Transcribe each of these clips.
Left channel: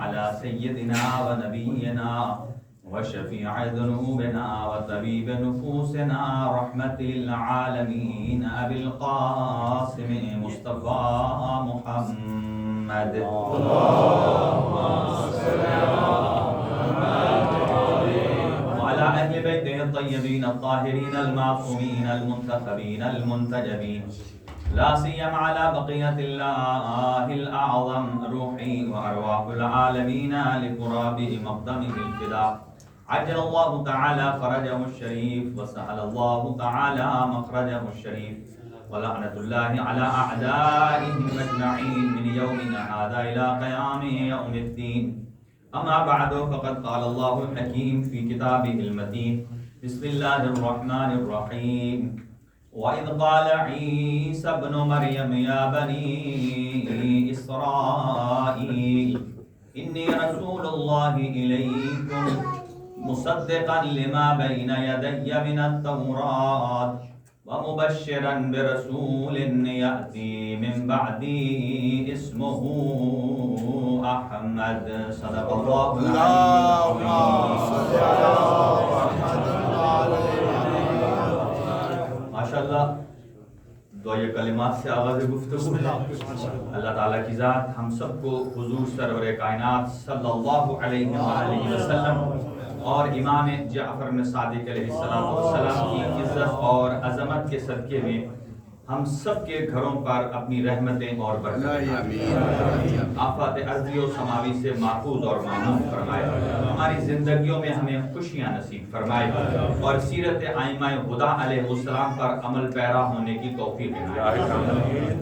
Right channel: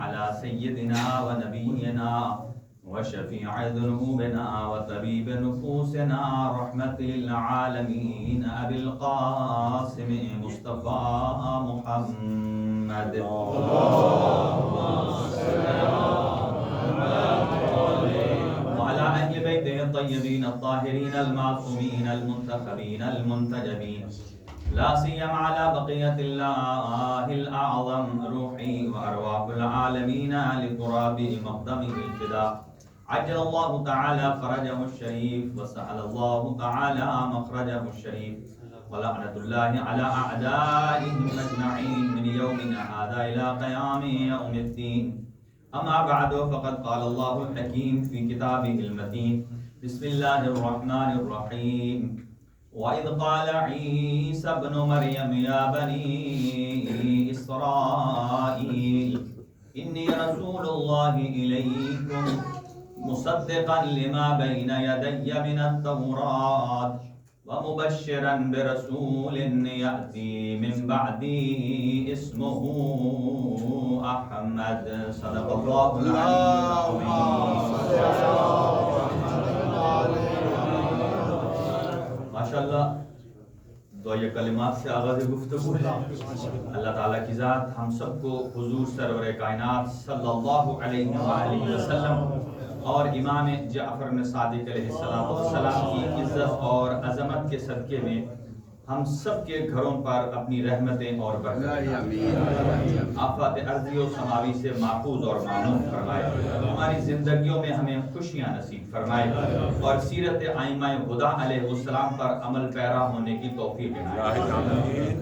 على سيدنا ونبينا وشفيع ذنوبنا وطبيب نفوسنا رحمة للعالمين أبي القاسم مصطفى محمد وعلى أهل بيته الطيبين الطاهرين المعصومين المنتخبين المنتجبين لا سيما على بقية الله الأعظم روحي وأرواح العالمين لتراب مقدمه الفداء عجل الله تعالى فرجه الشريف وسهل الله تعالى مخرجه الشريف ولعنة الله على أعدائهم أجمعين من يومنا هذا إلى قيام يوم الدين أما بعد فقد قال الله الحكيم في كتابه المتين بسم الله الرحمن الرحيم وإذ قال عيسى ابن مريم يا بني إسرائيل إني رسول الله إليكم مصدقا لما بين يدي من التوراة ومبشرا برسول يأتي من بعدي اسمه أحمد صدق الله العلي ماشاءاللہ دعائے کلمات سے آغاز گفتگو ہے. اللہ تعالیٰ کی ذات ہم سب کو حضور سرور کائنات صلی اللہ علیہ وآلہ وسلم اور امام جعفر صادق علیہ السلام کی عزت اور عظمت کے صدقے میں ہم سب کے گھروں پر اپنی رحمتیں اور برکتیں آفات ارضی و سماوی سے محفوظ اور معمون فرمائے. ہماری زندگیوں میں ہمیں خوشیاں نصیب فرمائے اور سیرت ائمہ ہدی علیہ السلام پر عمل پیرا ہونے کی توفیق عنایت فرمائے.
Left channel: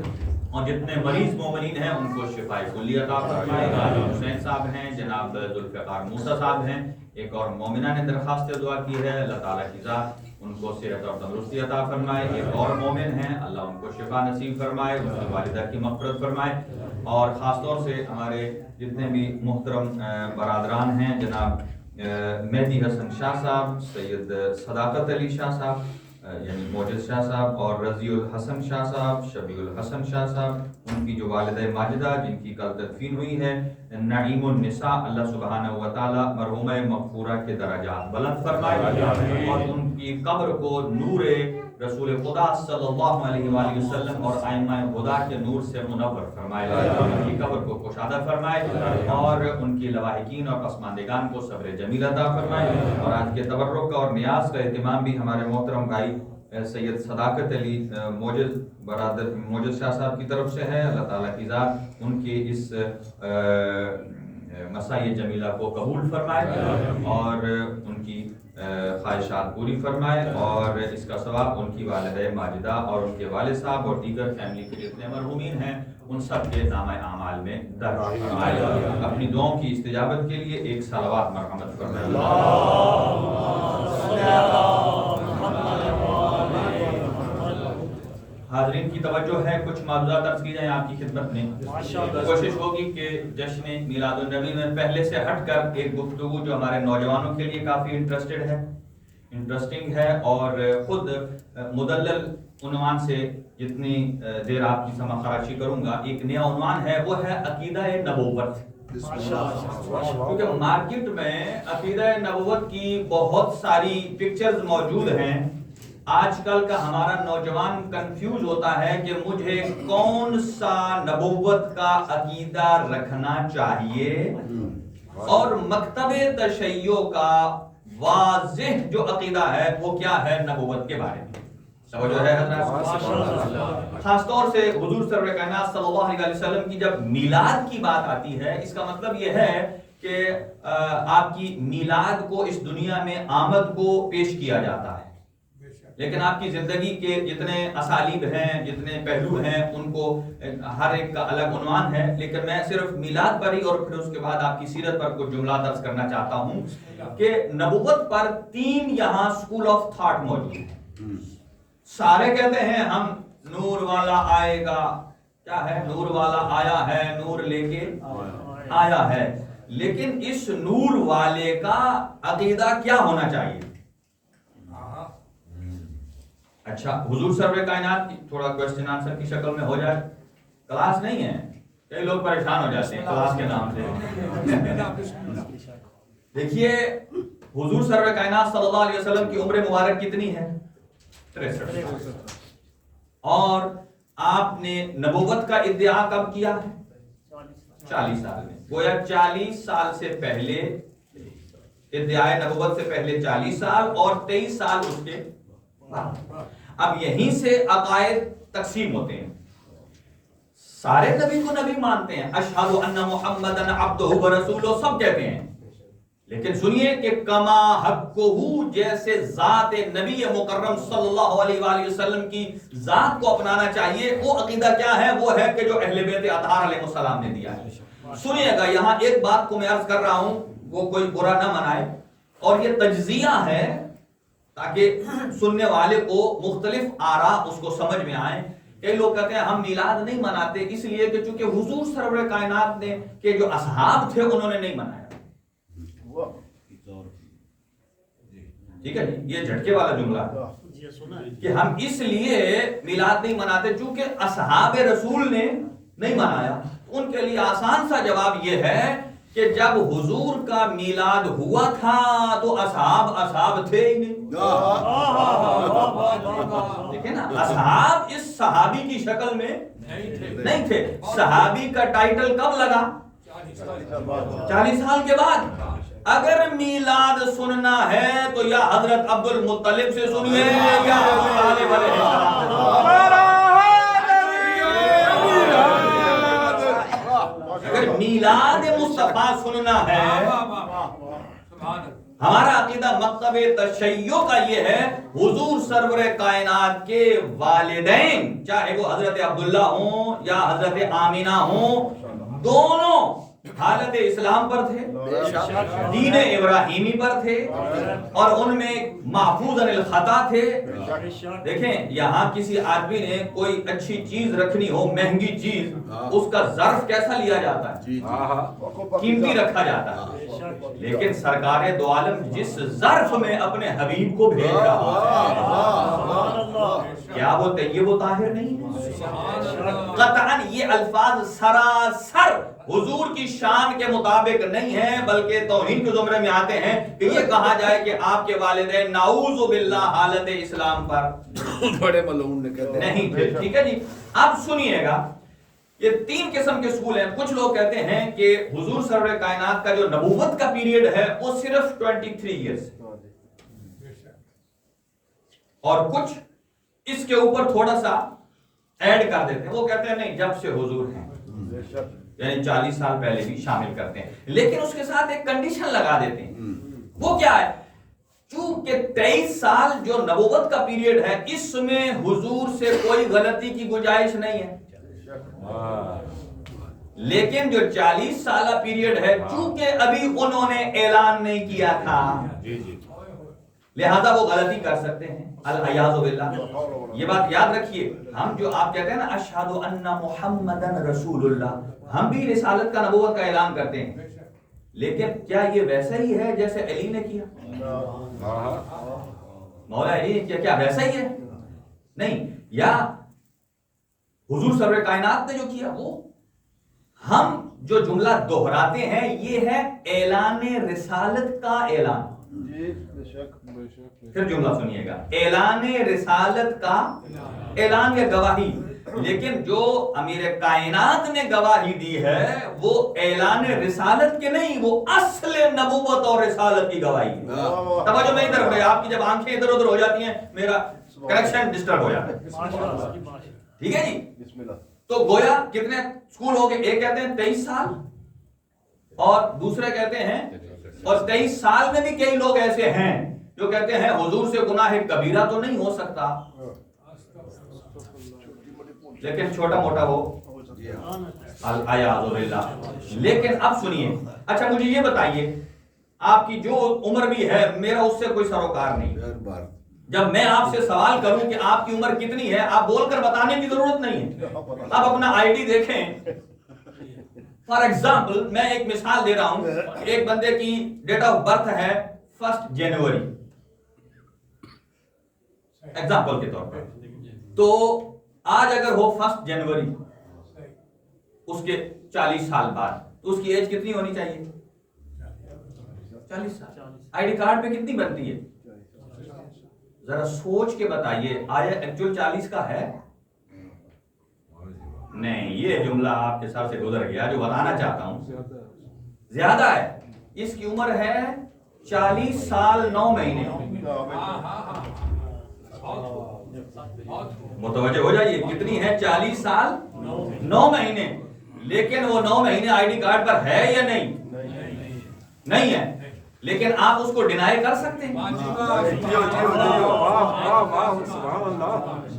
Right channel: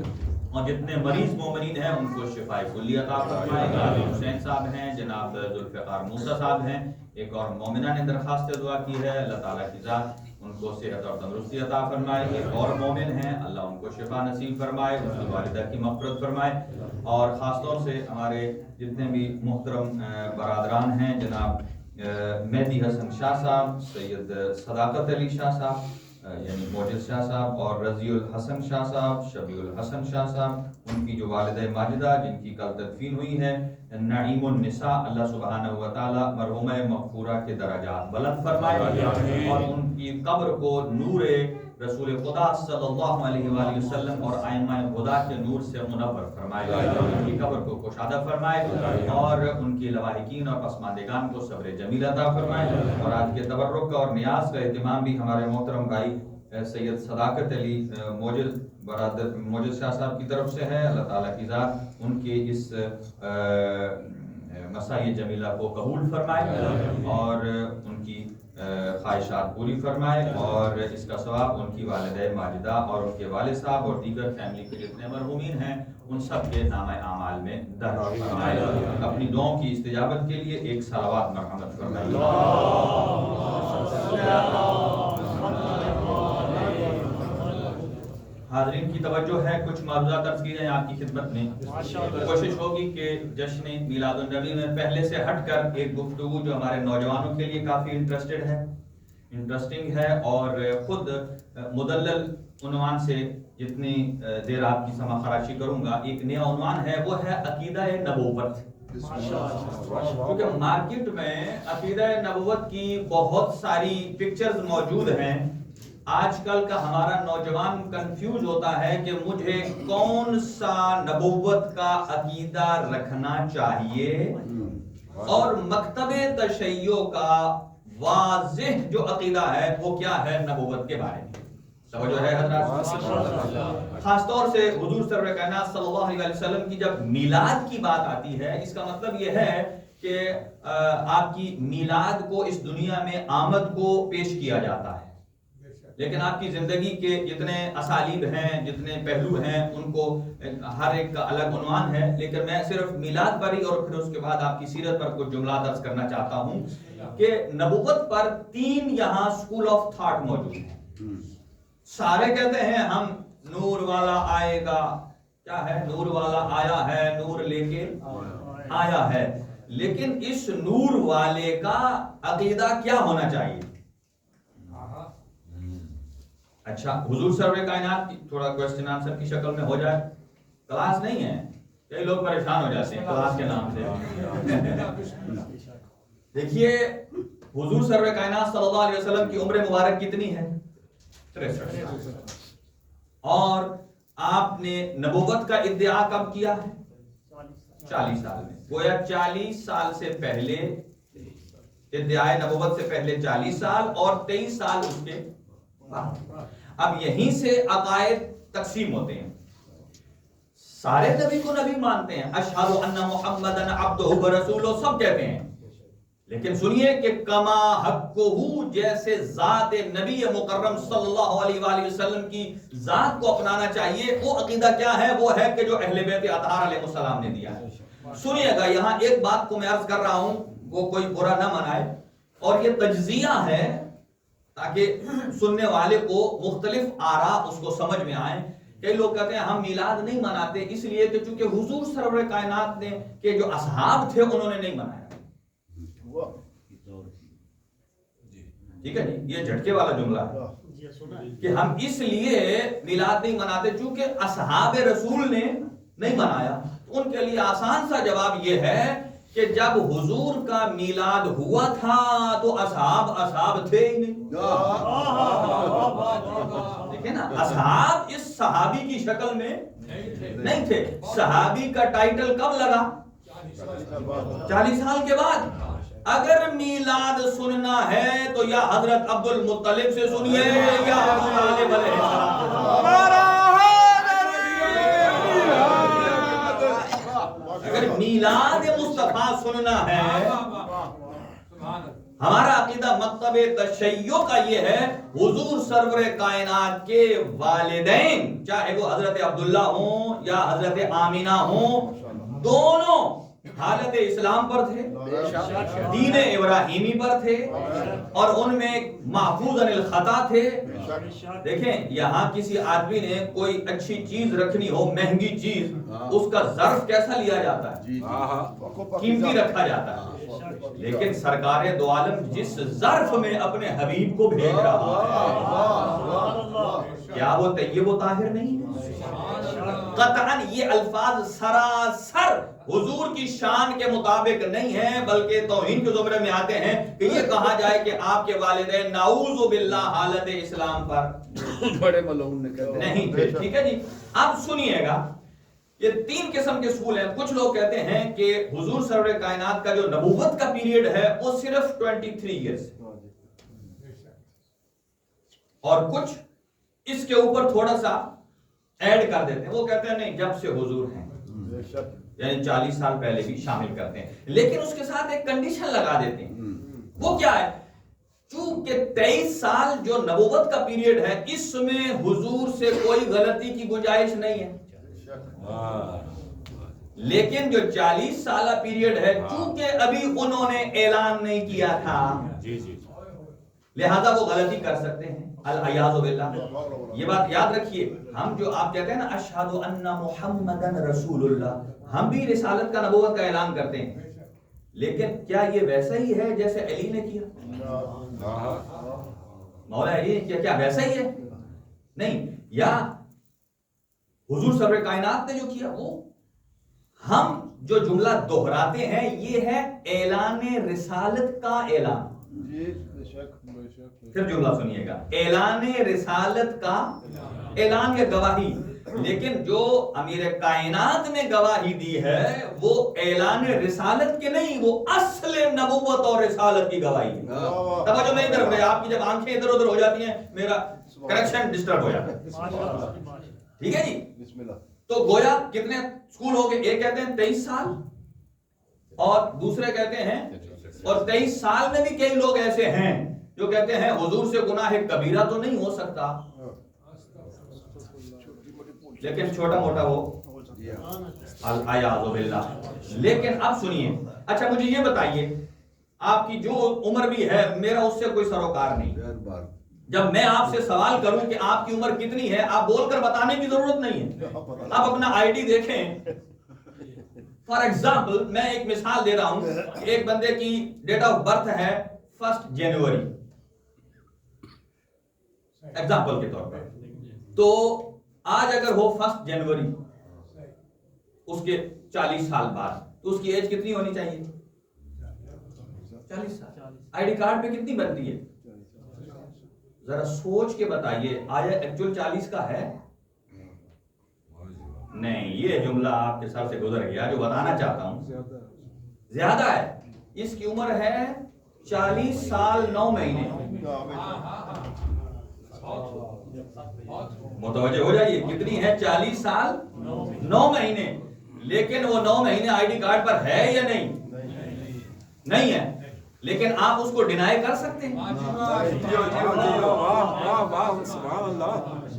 اور جتنے مریض مومنین ہیں ان کو شفائے کلی عطا فرمائے. حسین صاحب ہیں، جناب ذوالفقار موسیٰ صاحب ہیں. ایک اور مومنہ نے درخواست دعا کی ہے، اللہ تعالیٰ کی ذات ان کو صحت اور تندرستی عطا فرمائے. ایک اور مومن ہیں، اللہ ان کو شفا نصیب فرمائے، ان کی والدہ کی مغفرت فرمائے. اور خاص طور سے ہمارے جتنے بھی محترم برادران ہیں، جناب مہدی حسن شاہ صاحب، سید صداقت علی شاہ صاحب یعنی موجز شاہ صاحب، اور رضی الحسن شاہ صاحب، شبیع الحسن شاہ صاحب، ان کی جو والدہ ماجدہ جن کی کل تدفین ہوئی ہے، نعیم النساء، اللہ سبحانہ و تعالی مرحومہ مغفورہ کے درجات بلند فرمائے اور ان کی قبر کو نور رسول خدا صلی اللہ علیہ وآلہ وسلم اور ائمہ ہدی کے نور سے منور فرمائے. ان کی قبر کو کشادہ فرمائے اور ان کی لواحقین اور پسماندگان کو صبر جمیل عطا فرمائے. اور آج کے تبرک کا اور نیاز کا اہتمام بھی ہمارے محترم بھائی سید صداقت علی موجز برادر موجز شاہ صاحب کی طرف سے ہے. اللہ تعالیٰ کی ذات ان کے اس مسائی جمیلہ کو قبول فرمائے اور ان کی خواہشات پوری فرمائے اور اس کا ثواب ان کی والدہ ماجدہ اور ان کے والد صاحب اور دیگر فیملی کے جتنے مرحومین ہیں ان سب کے نامہ اعمال میں درج فرمائے. اپنی دعاؤں کی استجابت کے لیے ایک صلوات مرحمت فرمائے. حاضرین کی توجہ ہے، کچھ معروضات عرض کی جائیں آپ کی خدمت میں. کوشش ہوگی کہ جشن میلاد النبی میں پہلے سے ہٹ کر ایک گفتگو جو ہمارے نوجوانوں کے لیے کافی انٹرسٹنگ ہے اور خود مدلل عنوان سے جتنی دیر آپ کی سماع خراشی کروں گا، ایک نیا عنوان ہے، وہ ہے عقیدہ نبوت. کیونکہ مارکیٹ میں عقیدہ نبوت کی بہت ساری پکچرز موجود ہیں. آج کل کا ہمارا نوجوان کنفیوز ہوتا ہے کہ مجھے کون سا نبوت کا عقیدہ رکھنا چاہیے اور مکتب تشیع کا واضح جو عقیدہ ہے وہ کیا ہے نبوت کے بارے میں. توجہ ہے حضرات؟ خاص طور سے حضور سرور کائنات صلی اللہ علیہ وسلم کی جب میلاد کی بات آتی ہے، اس کا مطلب یہ ہے کہ آپ کی میلاد کو، اس دنیا میں آمد کو پیش کیا جاتا ہے. لیکن آپ کی زندگی کے جتنے اسالیب ہیں، جتنے پہلو ہیں، ان کو ہر ایک کا الگ عنوان ہے. لیکن میں صرف میلاد پر ہی اور پھر اس کے بعد آپ کی سیرت پر کچھ جملات عرض کرنا چاہتا ہوں کہ نبوت پر 3 یہاں سکول آف تھاٹ موجود ہیں. سارے کہتے ہیں ہم نور والا آئے گا، کیا ہے؟ نور والا آیا ہے، نور لے کے آیا ہے. لیکن اس نور والے کا عقیدہ کیا ہونا چاہیے؟ اچھا، حضور سرور کائنات کی تھوڑا کوسچن آنسر کی شکل میں ہو جائے، کلاس نہیں ہے، کئی لوگ پریشان ہو جاتے ہیں کلاس کے نام سے. دیکھیے حضور سرور کائنات صلی اللہ علیہ وسلم کی عمر مبارک کتنی ہے؟ 63. اور آپ نے نبوت کا ادعا کب کیا ہے؟ 40 سال میں. گویا 40 سال سے پہلے ادعائے نبوت سے پہلے 40 سال اور 23 سال اس کے بعد. اب یہیں سے عقائد تقسیم ہوتے ہیں. سارے نبی کو نبی مانتے ہیں، اشہد ان محمدن عبدہ ورسولہ سب کہتے ہیں، لیکن سنیے کہ کما حقہ، جیسے ذات نبی مکرم صلی اللہ علیہ وآلہ وسلم کی ذات کو اپنانا چاہیے، وہ عقیدہ کیا ہے؟ وہ ہے کہ جو اہل بیت اطہار علیہ السلام نے دیا ہے. سنیے گا یہاں ایک بات کو میں عرض کر رہا ہوں، وہ کوئی برا نہ منائے، اور یہ تجزیہ ہے تاکہ سننے والے کو مختلف آراء اس کو سمجھ میں آئیں. کئی لوگ کہتے ہیں ہم میلاد نہیں مناتے اس لیے کہ چونکہ حضور سرور کائنات نے کہ جو اصحاب تھے انہوں نے نہیں منایا. ٹھیک ہے جی، یہ جھٹکے والا جملہ ہے کہ ہم اس لیے میلاد نہیں مناتے چونکہ اصحاب رسول نے نہیں منایا. ان کے لیے آسان سا جواب یہ ہے کہ جب حضور کا میلاد ہوا تھا تو اصحاب تھے ہی نہیں. دیکھیں نا، اصحاب اس صحابی کی شکل میں نہیں تھے. صحابی کا ٹائٹل کب لگا؟ 40 سال کے بعد. اگر میلاد سننا ہے تو یا حضرت عبد المطلب سے سنیے یا ابو طالب علیہ السلام سے سنیے. اگر میلاد مصطفیٰ سننا ہے، ہمارا عقیدہ مکتب تشیع کا یہ ہے، حضور سرور کائنات کے والدین چاہے وہ حضرت عبداللہ ہوں یا حضرت آمینہ ہوں، دونوں حالت اسلام پر تھے، دین ابراہیمی پر تھے، اور ان میں محفوظ عن الخطا تھے. دیکھیں یہاں کسی آدمی نے کوئی اچھی چیز رکھنی ہو، مہنگی چیز، اس کا ظرف کیسا لیا جاتا ہے؟ قیمتی رکھا جاتا ہے. لیکن سرکار دو عالم جس ظرف میں اپنے حبیب کو بھیج رہا ہے، کیا وہ طیب و طاہر نہیں ہے؟ قطعاً یہ الفاظ سراسر حضور کی شان کے مطابق نہیں ہیں، بلکہ توہین کے زمرے میں آتے ہیں کہ یہ کہا جائے کہ آپ کے والدین نعوذ باللہ حالت اسلام پر بڑے ملعون نے کہتے ہیں نہیں تھے. ٹھیک ہے جی. اب سنیے گا، یہ 3 قسم کے سکول ہیں. کچھ لوگ کہتے ہیں کہ حضور سرور کائنات کا جو نبوت کا پیریڈ ہے وہ صرف 23 ایئرز ہے، اور کچھ اس کے اوپر تھوڑا سا ایڈ کر دیتے ہیں. وہ کہتے ہیں نہیں، جب سے حضور ہیں، یعنی 40 سال پہلے بھی شامل کرتے ہیں، لیکن اس کے ساتھ ایک کنڈیشن لگا دیتے ہیں. وہ کیا ہے؟ چونکہ 23 سال جو نبوت کا پیریڈ ہے، اس میں حضور سے کوئی غلطی کی گنجائش نہیں ہے. لیکن جو 40 سالہ پیریڈ ہے، چونکہ ابھی انہوں نے اعلان نہیں کیا تھا، لہذا وہ غلطی کر سکتے ہیں. العیاذ باللہ. یہ بات یاد رکھیے، ہم جو آپ کہتے ہیں نا اشہد ان محمدن رسول اللہ، ہم بھی رسالت کا نبوت کا اعلان کرتے ہیں، لیکن کیا یہ ویسا ہی ہے جیسے علی نے کیا؟ مولا علی نے کیا ویسا ہی ہے؟ نہیں. یا حضور سرور کائنات نے جو کیا وہ؟ ہم جو جملہ دہراتے ہیں یہ ہے اعلان رسالت کا اعلان. پھر جملہ سنیے گا، اعلان رسالت کا اعلان یا گواہی. لیکن جو امیر کائنات نے گواہی دی ہے وہ اعلان رسالت کے نہیں، وہ اصل نبوت اور رسالت کی گواہی ہے. توجہ نہیں طرف رہے، آپ کی جب آنکھیں ادھر ادھر ہو جاتی ہیں میرا کنیکشن ڈسٹرب ہو جاتا ہے. ٹھیک ہے جی. تو گویا کتنے سکول ہو گئے؟ ایک کہتے ہیں 23 سال اور دوسرے کہتے ہیں، اور 23 سال میں بھی کئی لوگ ایسے ہیں جو کہتے ہیں حضور سے گناہ کبیرہ تو نہیں ہو سکتا، لیکن چھوٹا موٹا ہو. العیاذ باللہ. لیکن اب سنیے، اچھا مجھے یہ بتائیے، آپ کی جو عمر بھی ہے میرا اس سے کوئی سروکار نہیں. جب میں آپ سے سوال کروں کہ آپ کی عمر کتنی ہے، آپ بول کر بتانے کی ضرورت نہیں ہے. آپ اپنا آئی ڈی دیکھیں. فار ایگزامپل میں ایک مثال دے رہا ہوں، ایک بندے کی ڈیٹ آف برتھ ہے 1 جنوری ایگزامپل کے طور پر. تو آج اگر ہو 1 جنوری، اس کے 40 سال بعد تو اس کی ایج کتنی ہونی چاہیے؟ 40 سال. آئی ڈی کارڈ پہ کتنی بنتی ہے؟ ذرا سوچ کے بتائیے آیا ایکچوئل 40 کا ہے؟ نہیں، یہ جملہ آپ کے سر سے گزر گیا. جو بتانا چاہتا ہوں زیادہ ہے. اس کی عمر ہے 40 سال 9 مہینے. متوجہ ہو جائیے کتنی ہے؟ 40 سال 9 مہینے. لیکن وہ 9 مہینے آئی ڈی کارڈ پر ہے یا نہیں؟ نہیں ہے. لیکن آپ اس کو ڈینائی کر سکتے ہیں؟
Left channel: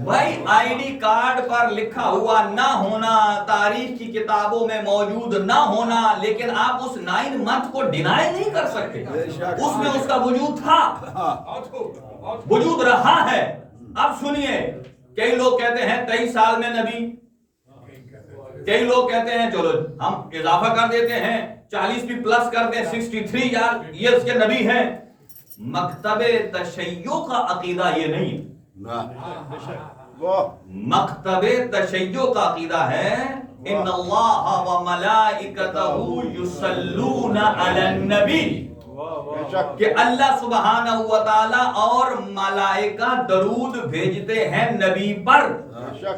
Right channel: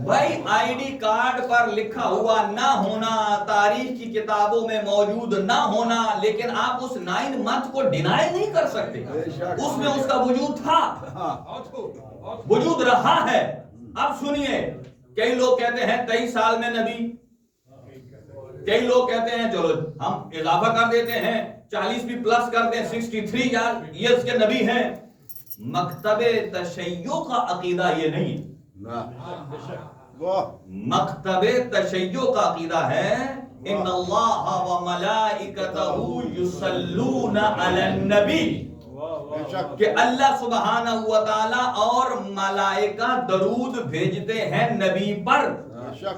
بھائی آئی ڈی کارڈ پر لکھا ہوا نہ ہونا، تاریخ کی کتابوں میں موجود نہ ہونا، لیکن آپ اس 9 منتھ کو ڈینائی نہیں کر سکتے. اس میں اس کا وجود تھا، وجود رہا ہے. اب سنیے، کئی لوگ کہتے ہیں 23 سال میں نبی، کئی لوگ کہتے ہیں چلو ہم اضافہ کر دیتے ہیں 40 بھی پلس کرتے ہیں 63 ایئرز کے نبی ہیں. مکتب تشیع کا عقیدہ یہ نہیں. مکتب تشیع کا عقیدہ ہے ان اللہ و ملائکتہ یصلون علی النبی، کہ اللہ سبحانہ و تعالی اور ملائکہ درود بھیجتے ہیں نبی پر.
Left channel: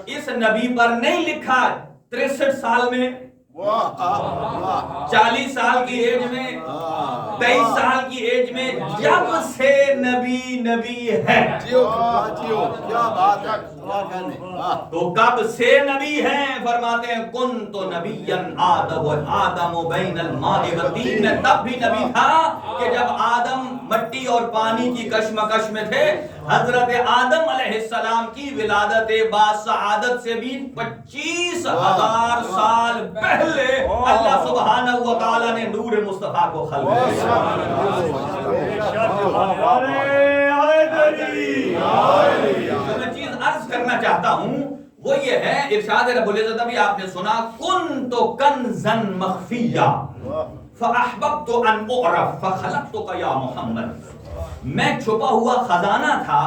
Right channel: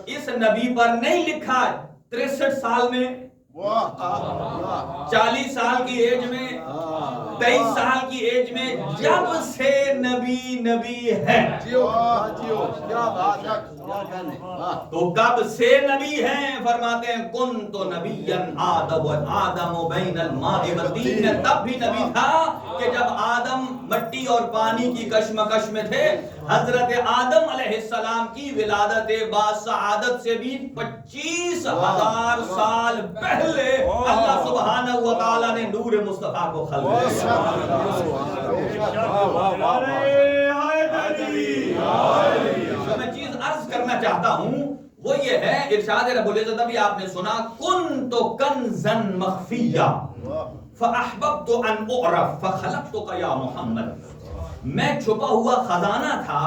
اس نبی پر نہیں لکھا 63 سال میں، 40 سال کی ایج میں، 23 سال کی ایج میں، جب سے نبی ہے. تو کب سے نبی ہیں؟ فرماتے ہیں کنت نبیا آدم بین الماء والطین. میں تب بھی نبی تھا کہ جب آدم مٹی اور پانی کی کشمکش میں تھے. حضرت آدم علیہ السلام کی ولادت باسعادت سے بھی 25,000 سال پہلے اللہ سبحانہ و تعالی نے نور مصطفیٰ کو خلق کیا. جو میں چیز عرض کرنا چاہتا ہوں وہ یہ ہے، ارشاد رب العزت ابھی آپ نے سنا کنت کنزا مخفیا فاحببت ان اعرف فخلقتک یا محمد. میں چھپا ہوا خزانہ تھا.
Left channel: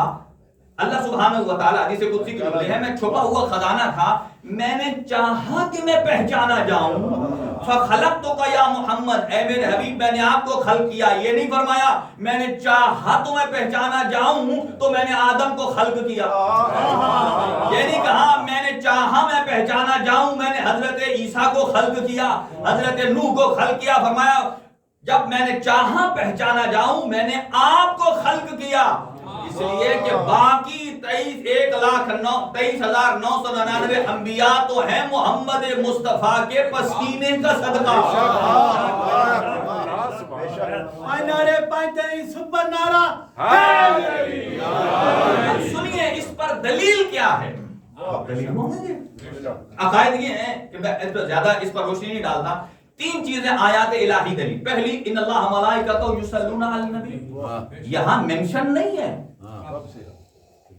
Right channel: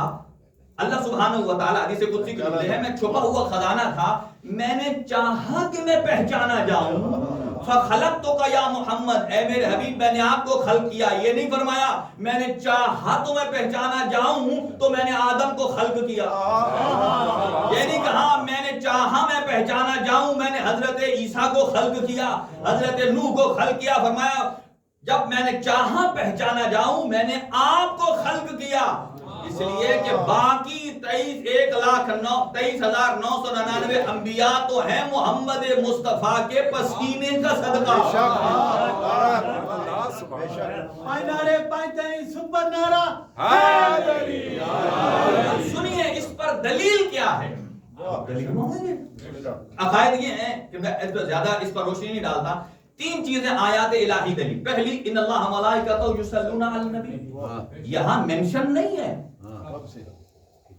اللہ سبحانہ و تعالی حدیث قدسی کی جملے ہے، میں چھپا ہوا خزانہ تھا، میں نے چاہا کہ میں پہچانا جاؤں. فخلقتک یا محمد، اے میرے حبیب میں نے آپ کو خلق کیا. یہ نہیں فرمایا میں نے چاہا تو میں پہچانا جاؤں تو میں نے آدم کو خلق کیا. یہ نہیں کہا میں نے چاہا میں پہچانا جاؤں میں نے حضرت عیسیٰ کو خلق کیا، حضرت نوح کو خلق کیا. فرمایا جب میں نے چاہا پہچانا جاؤں میں نے آپ کو خلق کیا. اس لیے کہ باقی 23,999 انبیاء تو ہیں محمد مصطفیٰ کے پسینے کا صدقہ. سنیے اس پر دلیل کیا ہے؟ عقائد یہ ہیں کہ میں زیادہ اس پر روشنی نہیں ڈالتا. 3 چیزیں آیات الہی دلیل. پہلی ان اللہ ملائکتہ یصلون علی النبی، یہاں منشن نہیں ہے.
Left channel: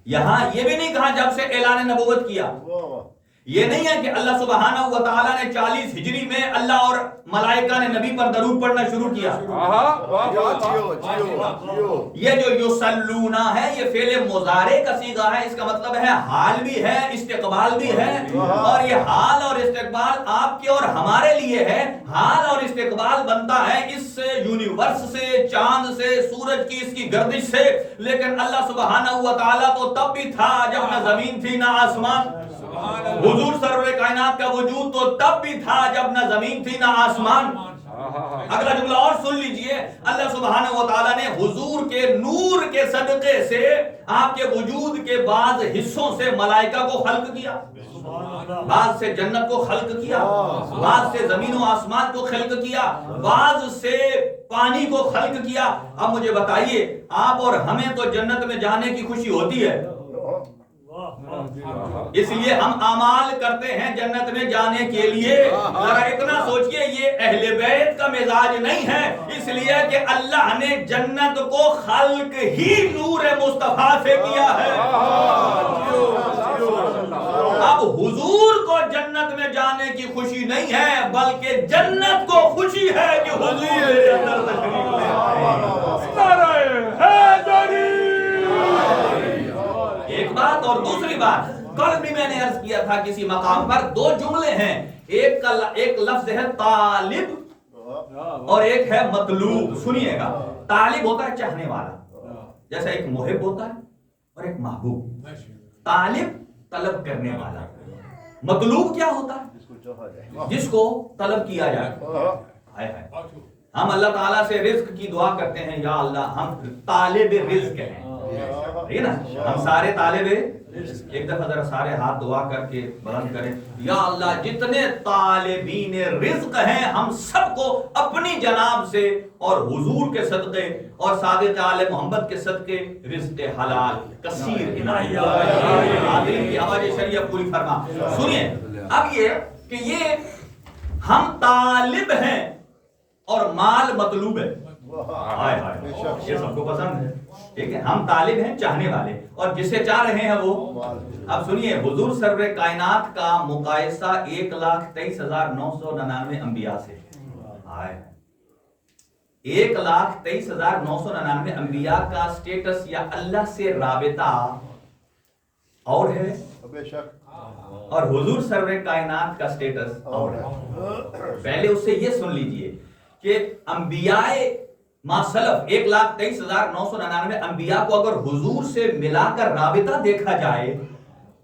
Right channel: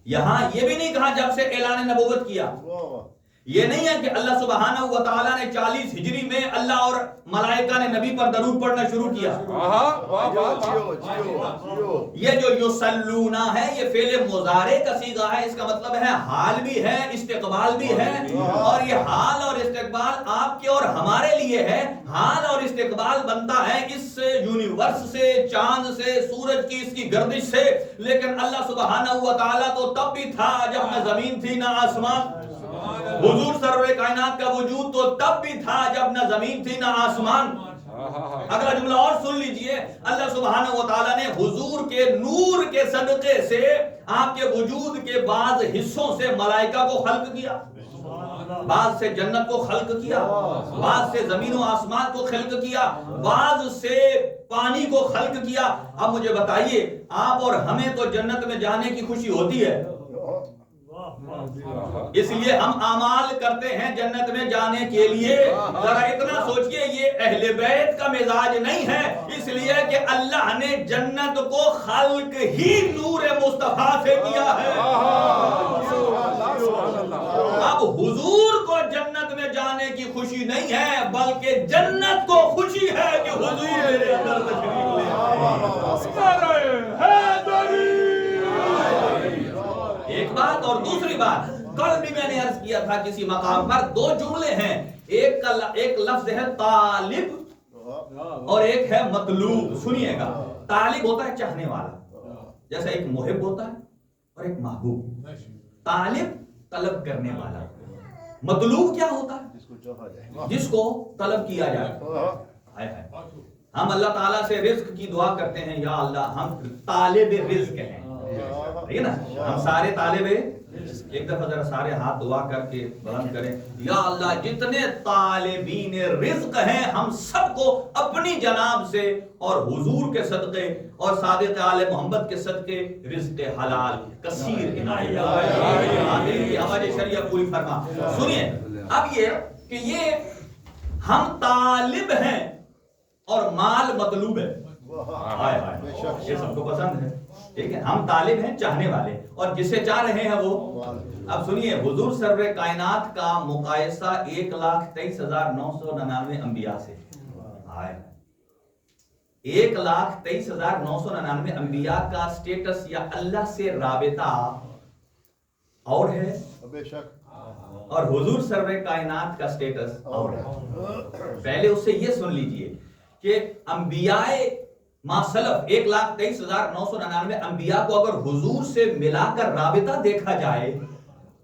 یہاں یہ بھی نہیں کہا جب سے اعلان نبوت کیا. یہ نہیں ہے کہ اللہ سبحانہ و تعالیٰ نے 40 ہجری میں اللہ اور ملائکہ نے نبی پر درود پڑھنا شروع کیا. یہ جو یصلونا ہے یہ فعل مضارع کا صیغہ ہے. اس کا مطلب ہے حال بھی ہے استقبال بھی ہے. اور یہ حال اور استقبال آپ کے اور ہمارے لیے ہے. حال اور استقبال بنتا ہے اس یونیورس سے، چاند سے، سورج کی اس کی گردش سے. لیکن اللہ سبحانہ و تعالیٰ تو تب بھی تھا جب نہ زمین تھی نہ آسمان. حضور سرور کائنات کا وجود تو تب بھی تھا جب نہ زمین تھی نہ آسمان. اگلا جملہ اور سن لیجئے، اللہ سبحانہ و تعالیٰ نے حضور کے نور کے صدقے سے آپ کے وجود کے بعض حصوں سے ملائکہ کو خلق کیا، بعض سے جنت کو خلق کیا، بعض سے زمین و آسمان کو خلق کیا، بعض سے پانی کو خلق کیا. اب مجھے بتائیے آپ اور ہمیں تو جنت میں جانے کی خوشی ہوتی ہے، اس لیے ہم اعمال کرتے ہیں جنت میں جانے کے لیے. ذرا اتنا سوچئے یہ اہل بیت کا مزاج نہیں ہے، اس لیے کہ اللہ نے جنت کو خلق ہی نور مصطفیٰ سے کیا ہے. اب حضور کو جنت میں جانے کی خوشی نہیں ہے بلکہ جنت کو خوشی ہے کہ حضور میرے اندر تشریف لے آئے. ایک بات اور دوسری بات، کل بھی میں نے عرض کیا تھا کسی مقام پر 2 جملے ہیں. ایک لفظ ہے طالب اور ایک ہے مطلوب. سنیے گا, طالب ہوتا ہے چاہنے والا, جیسا ایک محب ہوتا ہے اور ایک محبوب. طالب طلب کرنے والا, مطلوب کیا ہوتا ہے؟ جس کو طلب کیا جائے. ہم اللہ تعالیٰ سے رزق کی دعا کرتے ہیں, یا اللہ ہم طالب رزق ہیں, ٹھیک ہے نا, ہم سارے طالب. ایک دفعہ ذرا سارے ہاتھ دعا کر کے بلند کریں, یا اللہ جتنے طالبین رزق ہیں ہم سب کو اپنی جناب سے اور حضور کے صدقے اور صادق آل محمد کے صدقے رزق حلال کثیر عنایت آمین کی آواز شریعہ پوری فرما. سنیے اب یہ کہ یہ ہم طالب ہیں اور مال مطلوب ہے. یہ سب کو پسند ہے, ٹھیک ہے, ہم طالب ہیں چاہنے والے, اور جسے چاہ رہے ہیں وہ. اب سنیے, حضور سرور کائنات کا مقایسہ 1,23,999 انبیاء سے. 1,23,999 انبیاء کا سٹیٹس یا اللہ سے رابطہ اور ہے, اور حضور سرور کائنات کا سٹیٹس اور ہے. پہلے اس سے یہ سن لیجئے کہ انبیاء ما سلف 1,23,999 انبیاء کو اگر حضور سے ملا کر رابطہ دیکھا جائے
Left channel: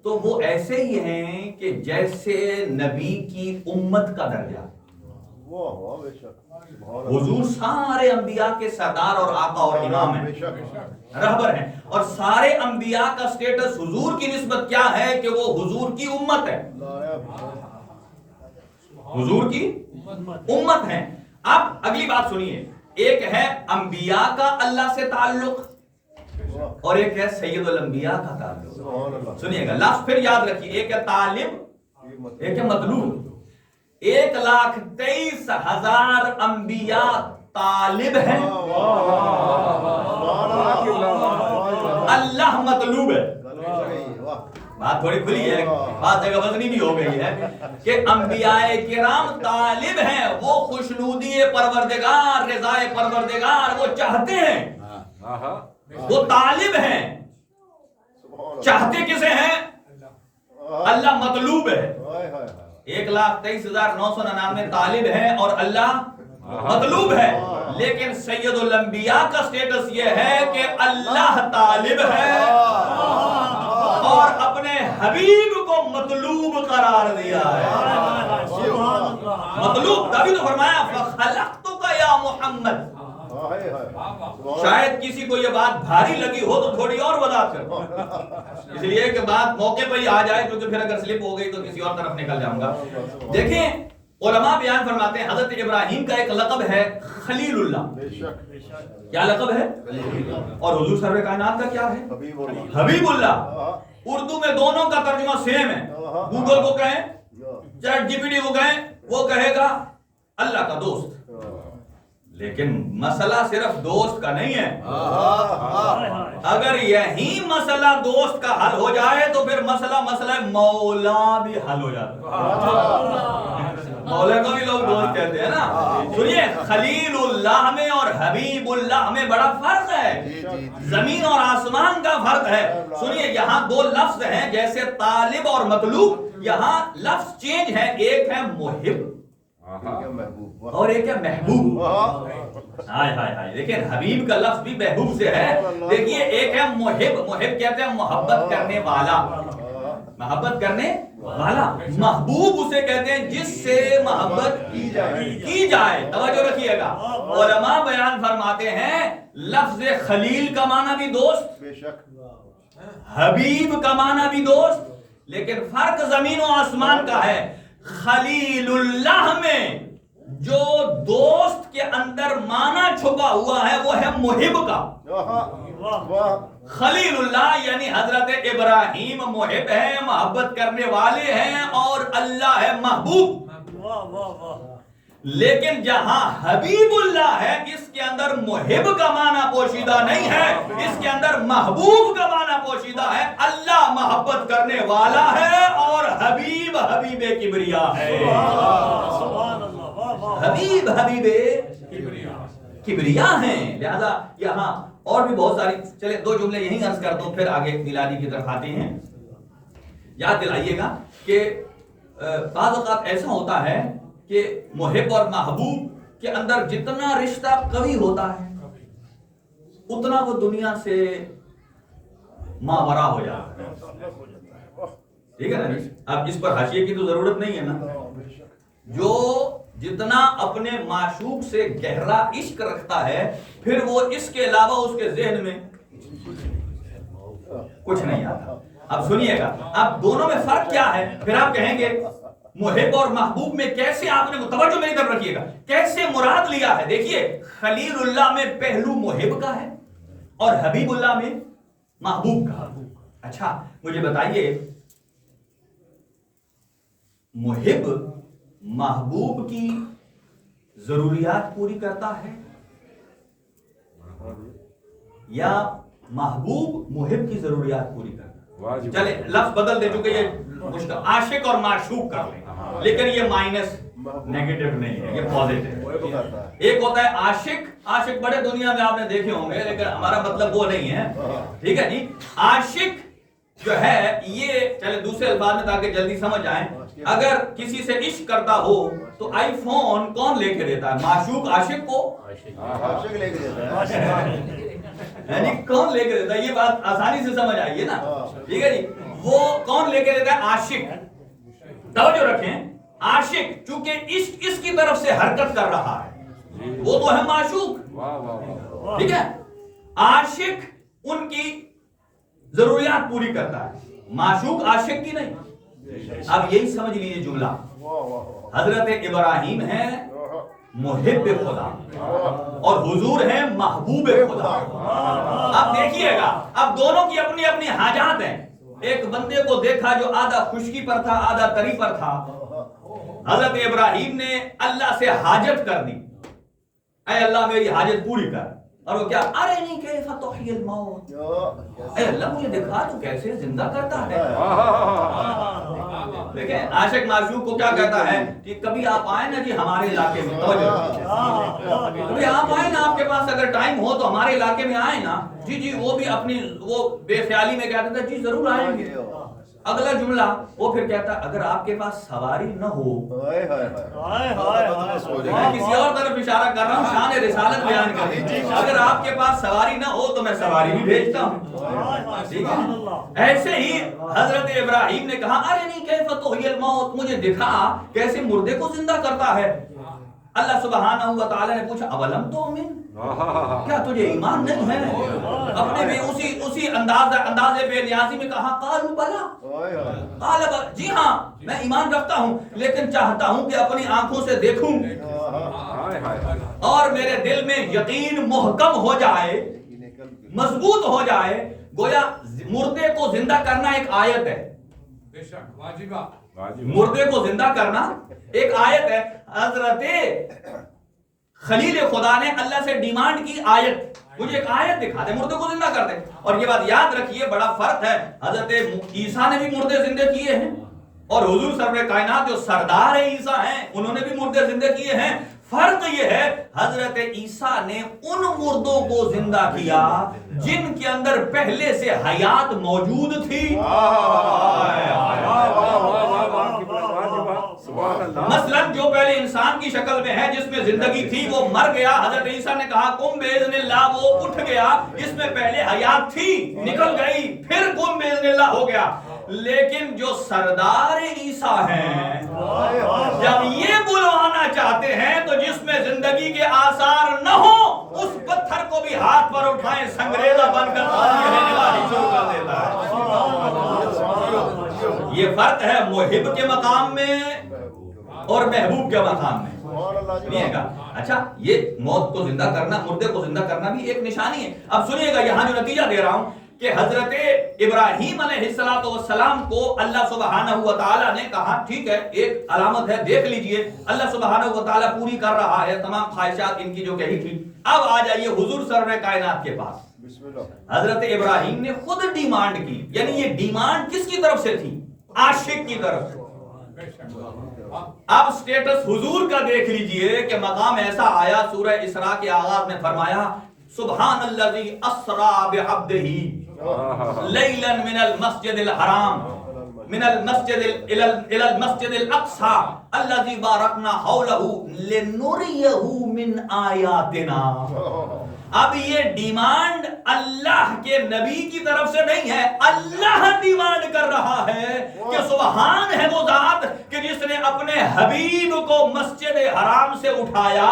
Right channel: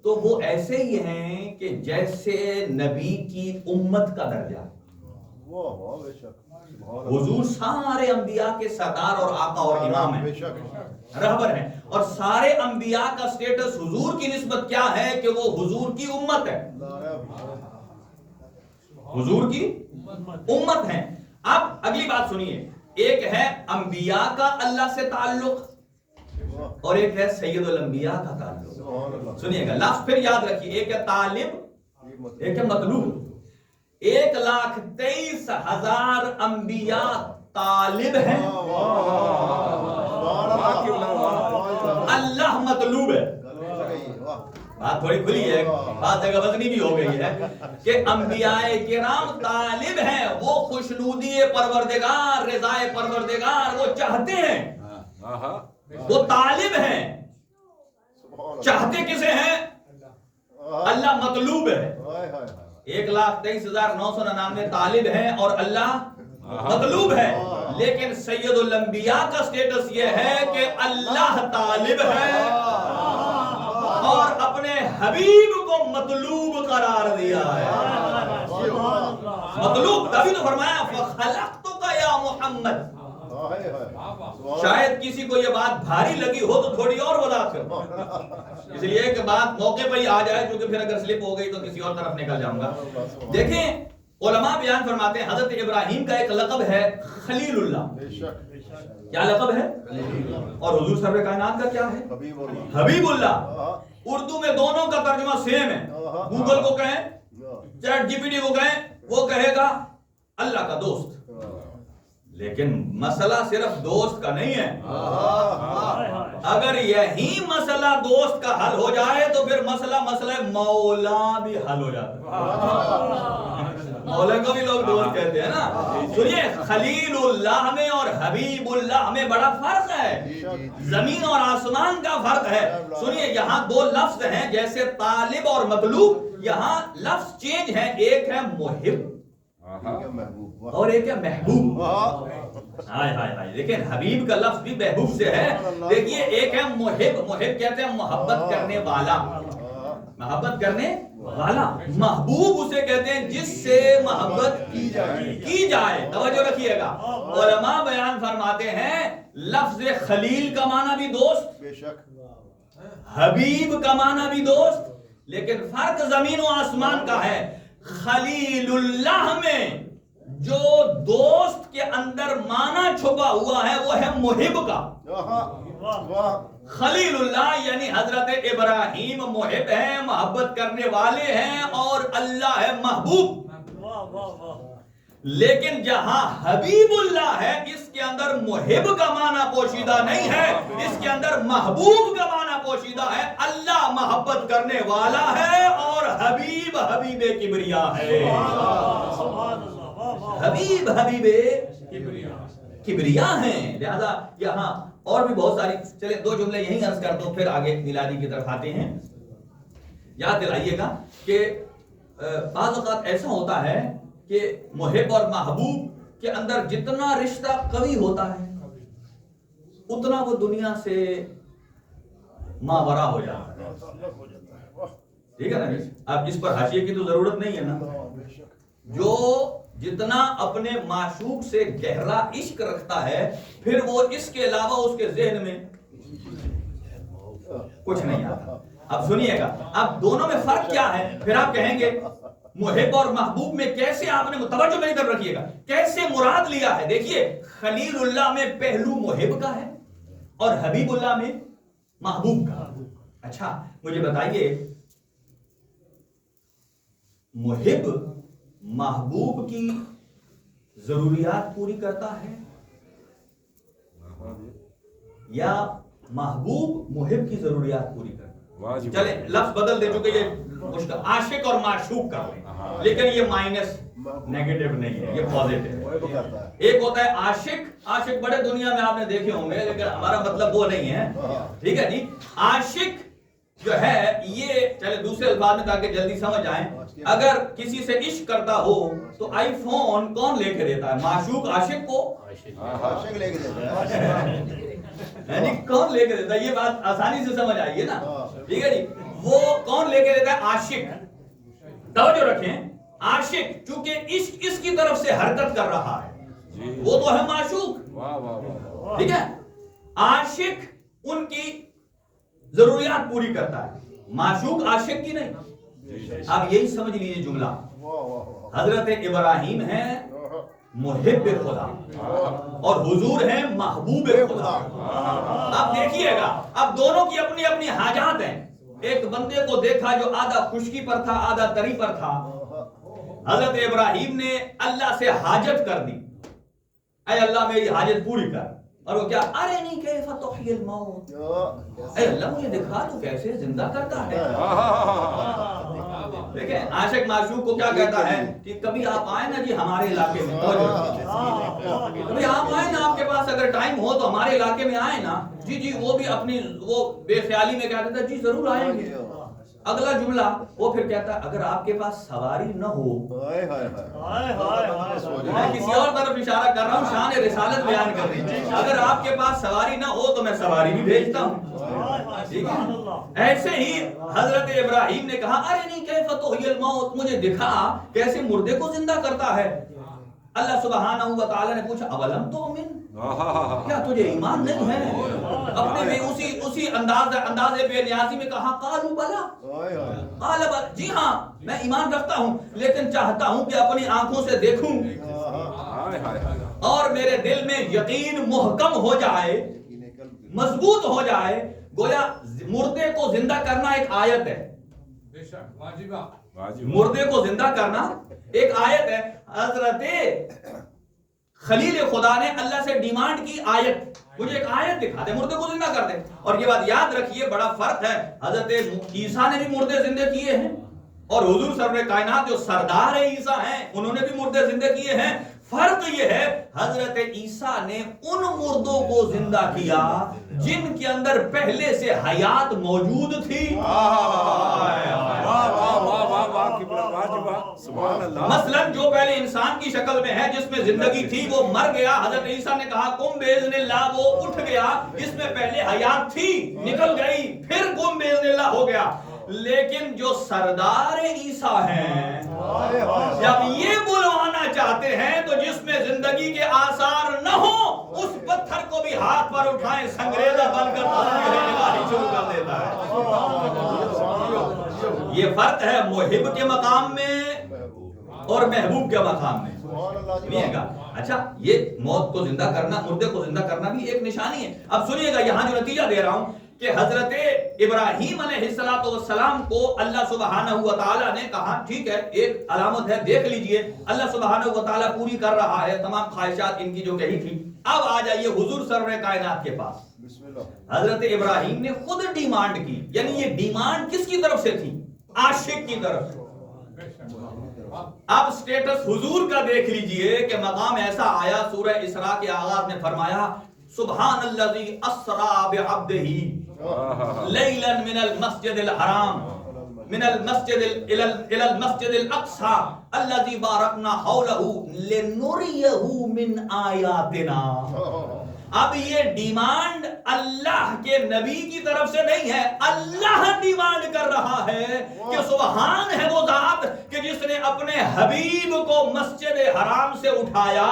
تو وہ ایسے ہی ہیں کہ جیسے نبی کی امت کا درجہ. حضور سارے انبیاء کے سردار اور آقا اور امام ہیں, رہبر ہیں, اور سارے انبیاء کا سٹیٹس حضور کی نسبت کیا ہے کہ وہ حضور کی امت ہے, حضور کی امت ہے. اب اگلی بات سنیے, ایک ہے انبیاء کا اللہ سے تعلق اور ایک ہے سید الانبیاء کا تعلق. سنیے گا, لفظ پھر یاد رکھیے, ایک ہے طالب ایک ہے مطلوب. 1,23,000 انبیاء طالب ہیں, اللہ مطلوب ہے. بات تھوڑی کھلی ہے, بات جگہ وزنی بھی ہو گئی ہے کہ انبیاء کرام طالب ہیں, وہ خوشنودی پروردگار رضائے پروردگار وہ چاہتے ہیں, وہ طالب ہیں. چاہتے کسے ہیں؟ اللہ مطلوب ہے. 1,23,999 طالب ہیں اور اللہ مطلوب ہے. لیکن سید الانبیاء کا سٹیٹس یہ ہے کہ اللہ طالب ہے اور اپنے حبیب کو مطلوب قرار دیا ہے. مطلوب تبھی تو فرمایا فخلقتک یا محمد. شاید کسی کو یہ بات بھاری لگی ہو تو تھوڑی اور وضاحت کرو, اس لیے کہ بات موقع پہ ہی آ جائے, کیونکہ پھر اگر سلپ ہو گئی تو کسی اور طرف نکل جاؤں گا. دیکھیں علماء بیان فرماتے ہیں حضرت ابراہیم کا ایک لقب ہے خلیل اللہ. کیا لقب ہے؟ اور حضور سرور کائنات کا کیا ہے؟ حبیب اللہ. اردو میں دونوں کا ترجمہ سیم ہے. گوگل کو کہیں, چیٹ جی پی ٹی کو کہیں, وہ کہے گا اللہ کا دوست. لیکن مسئلہ صرف دوست کا نہیں ہے. اگر یہی مسئلہ دوست کا حل ہو جائے تو پھر مسئلہ مولا بھی حل ہو جاتا ہے. مولا کو بھی لوگ دوست کہتے ہیں نا. سنیے, خلیل اللہ میں اور حبیب اللہ میں بڑا فرق ہے, زمین اور آسمان کا فرق ہے. سنیے, یہاں دو لفظ ہیں جیسے طالب اور مطلوب, یہاں لفظ چینج ہے, ایک ہے محب اور ایک ہے محبوب. ہائے ہائے ہائے, لیکن حبیب کا لفظ بھی محبوب سے ہے. دیکھیے, ایک ہے محب, محب کہتے ہیں محبت کرنے والا, محبت کرنے والا. محبوب اسے کہتے ہیں جس سے محبت کی جائے. توجہ رکھیے گا, علماء بیان فرماتے ہیں لفظ خلیل کا معنی بھی دوست, حبیب کا معنی بھی دوست, لیکن فرق زمین و آسمان کا ہے. خلیل اللہ میں جو دوست کے اندر معنی چھپا ہوا ہے وہ ہے محب کا. خلیل اللہ یعنی حضرت ابراہیم محب ہیں, محبت کرنے والے ہیں, اور اللہ ہے محبوب. لیکن جہاں حبیب اللہ ہے اس کے اندر محب کا معنی پوشیدہ نہیں ہے, اس کے اندر محبوب کا معنی پوشیدہ ہے. اللہ محبت کرنے والا ہے اور حبیب حبیب کبریا ہے. حبیب حبیب کبریا ہیں. لہذا یہاں اور بھی بہت ساری, چلے دو جملے یہیں عرض کر دوں پھر آگے میلادی کی طرف آتے ہیں. یاد دلائیے گا کہ بعض اوقات ایسا ہوتا ہے کہ محب اور محبوب کے اندر جتنا رشتہ قوی ہوتا ہے اتنا وہ دنیا سے ماورا ہو جاتا ہے. ٹھیک ہے نا جی؟ اب اس پر حاشیے کی تو ضرورت نہیں ہے نا. جو جتنا اپنے معشوق سے گہرا عشق رکھتا ہے پھر وہ اس کے علاوہ اس کے ذہن میں کچھ نہیں آتا. اب سنیے گا اب دونوں میں فرق کیا ہے. پھر آپ کہیں گے محب اور محبوب میں کیسے آپ نے توجہ میری طرف رکھیے گا کیسے مراد لیا ہے. دیکھیے خلیل اللہ میں پہلو محب کا ہے اور حبیب اللہ میں محبوب کا. اچھا مجھے بتائیے محب محبوب کی ضروریات پوری کرتا ہے یا محبوب محب کی ضروریات پوری کرتا ہے؟ چلے لفظ بدل دے چونکہ یہ مشکل. عاشق اور معشوق کر لیں لیکن یہ مائنس نیگیٹو نہیں ہے یہ پازیٹو. ایک ہوتا ہے عاشق بڑے دنیا میں آپ نے دیکھے ہوں گے لیکن ہمارا مطلب وہ نہیں ہے. ٹھیک ہے جی. عاشق جو ہے یہ چلے دوسرے الفاظ میں تاکہ جلدی سمجھ آئیں. اگر کسی سے عشق کرتا ہو تو آئی فون کون لے کے دیتا ہے؟ معشوق عاشق کو عاشق لے کے دیتا ہے. یعنی کون لے کے دیتا ہے؟ یہ بات آسانی سے سمجھ آئیے نا. ٹھیک ہے جی. وہ کون لے کے دیتا ہے؟ عاشق. توجہ رکھیں عاشق چونکہ عشق اس کی طرف سے حرکت کر رہا ہے وہ تو ہے معشوق. ٹھیک ہے. عاشق ان کی ضروریات پوری کرتا ہے معشوق عاشق کی نہیں. اب یہی سمجھ لیجیے جملہ حضرت ابراہیم ہے محب خدا اور حضور ہے محبوب خدا. اب دیکھیے گا اب دونوں کی اپنی اپنی حاجات ہیں. ایک بندے کو دیکھا جو آدھا خشکی پر تھا آدھا تری پر تھا. حضرت ابراہیم نے اللہ سے حاجت کر دی اے اللہ میری حاجت پوری کر. اور وہ کیا ارنی کیف تحیی الموت اے اللہ مجھے دکھا تو کیسے زندہ کرتا ہے. دیکھیں عاشق معشوق کو کیا کہتا ہے کہ کبھی آپ آئیں نا جی ہمارے علاقے میں. کبھی آپ آئیں نا آپ کے پاس اگر ٹائم ہو تو ہمارے علاقے میں آئیں نا. جی وہ بھی اپنی وہ بے خیالی میں کہتا تھا جی ضرور آئیں گے. اگلا جملہ وہ پھر کہتا ہے اگر آپ کے پاس سواری نہ ہو. میں کسی اور طرف اشارہ کر رہا ہوں شان رسالت بیان کر رہی ہوں. اگر آپ کے پاس سواری نہ ہو تو میں سواری بھی بھیجتا ہوں. ٹھیک ہے. ایسے ہی حضرت ابراہیم نے کہا ارنی کیف تحیی الموت مجھے دکھا کیسے مردے کو زندہ کرتا ہے. اللہ سبحانہ و تعالی نے پوچھا اولم تؤمن کیا تجھے ایمان نہیں ہے؟ اپنے میں اسی انداز بے نیازی میں کہا قالوا بلا قال بلا جی ہاں میں ایمان رکھتا ہوں لیکن چاہتا ہوں کہ اپنی آنکھوں سے دیکھوں اور میرے دل میں یقین محکم ہو جائے مضبوط ہو جائے. گویا مردے کو زندہ کرنا ایک آیت ہے. مردے کو زندہ کرنا ایک آیت ہے. حضرت خلیل خدا نے اللہ سے ڈیمانڈ کی آیت مجھے ایک آیت دکھا دے مردے کو زندہ کر دے. اور یہ بات یاد رکھیے بڑا فرق ہے. حضرت عیسیٰ نے بھی مردے زندہ کیے ہیں اور حضور سرور کائنات جو سردار عیسیٰ ہیں انہوں نے بھی مردے زندہ کیے ہیں. فرق یہ ہے حضرت عیسیٰ نے ان مردوں کو زندہ کیا جن کے اندر پہلے سے حیات موجود تھی. مثلا جو پہلے انسان کی شکل میں ہے جس میں زندگی تھی وہ مر گیا. حضرت عیسیٰ نے کہا قم باذن اللہ وہ اٹھ گیا. اس میں پہلے حیات تھی نکل گئی پھر قم باذن اللہ ہو گیا. لیکن جو سردار عیسیٰ ہیں جب یہ بلوانا چاہتے ہیں تو جس میں زندگی کے آثار نہ ہو اس پتھر کو بھی ہاتھ پر اٹھائیں سنگریزہ بن کر نگاہی شروع کر دیتا ہے. یہ فرق ہے محب کے مقام میں اور محبوب کے مقام میں. سنیے گا اچھا یہ موت کو زندہ کرنا مردے کو زندہ کرنا بھی ایک نشانی ہے. اب سنیے گا یہاں جو نتیجہ دے رہا ہوں کہ حضرت ابراہیم علیہ السلام کو اللہ سبحانہ و تعالی نے کہا ٹھیک ہے ایک علامت ہے دیکھ لیجئے اللہ سبحانہ و تعالی پوری کر رہا ہے تمام خواہشات ان کی جو کہی تھی. اب آ جائیے حضور سرور کائنات کے پاس. حضرت ابراہیم نے خود ڈیمانڈ کی یعنی یہ ڈیمانڈ کس کی طرف سے تھی؟ عاشق کی طرف سے. اب سٹیٹس حضور کا دیکھ لیجئے کہ مقام ایسا آیا سورہ اسراء کے آغاز میں فرمایا سبحان الذی اسرا بعبدہ لیلا من المسجد الحرام من المسجد الى المسجد الاقصى الذي باركنا حوله لنريه من آیاتنا. اب یہ ڈیمانڈ اللہ کے نبی کی طرف سے نہیں ہے، اللہ ڈیمانڈ کر رہا ہے کہ سبحان ہے وہ ذات کہ جس نے اپنے حبیب کو مسجد حرام سے اٹھایا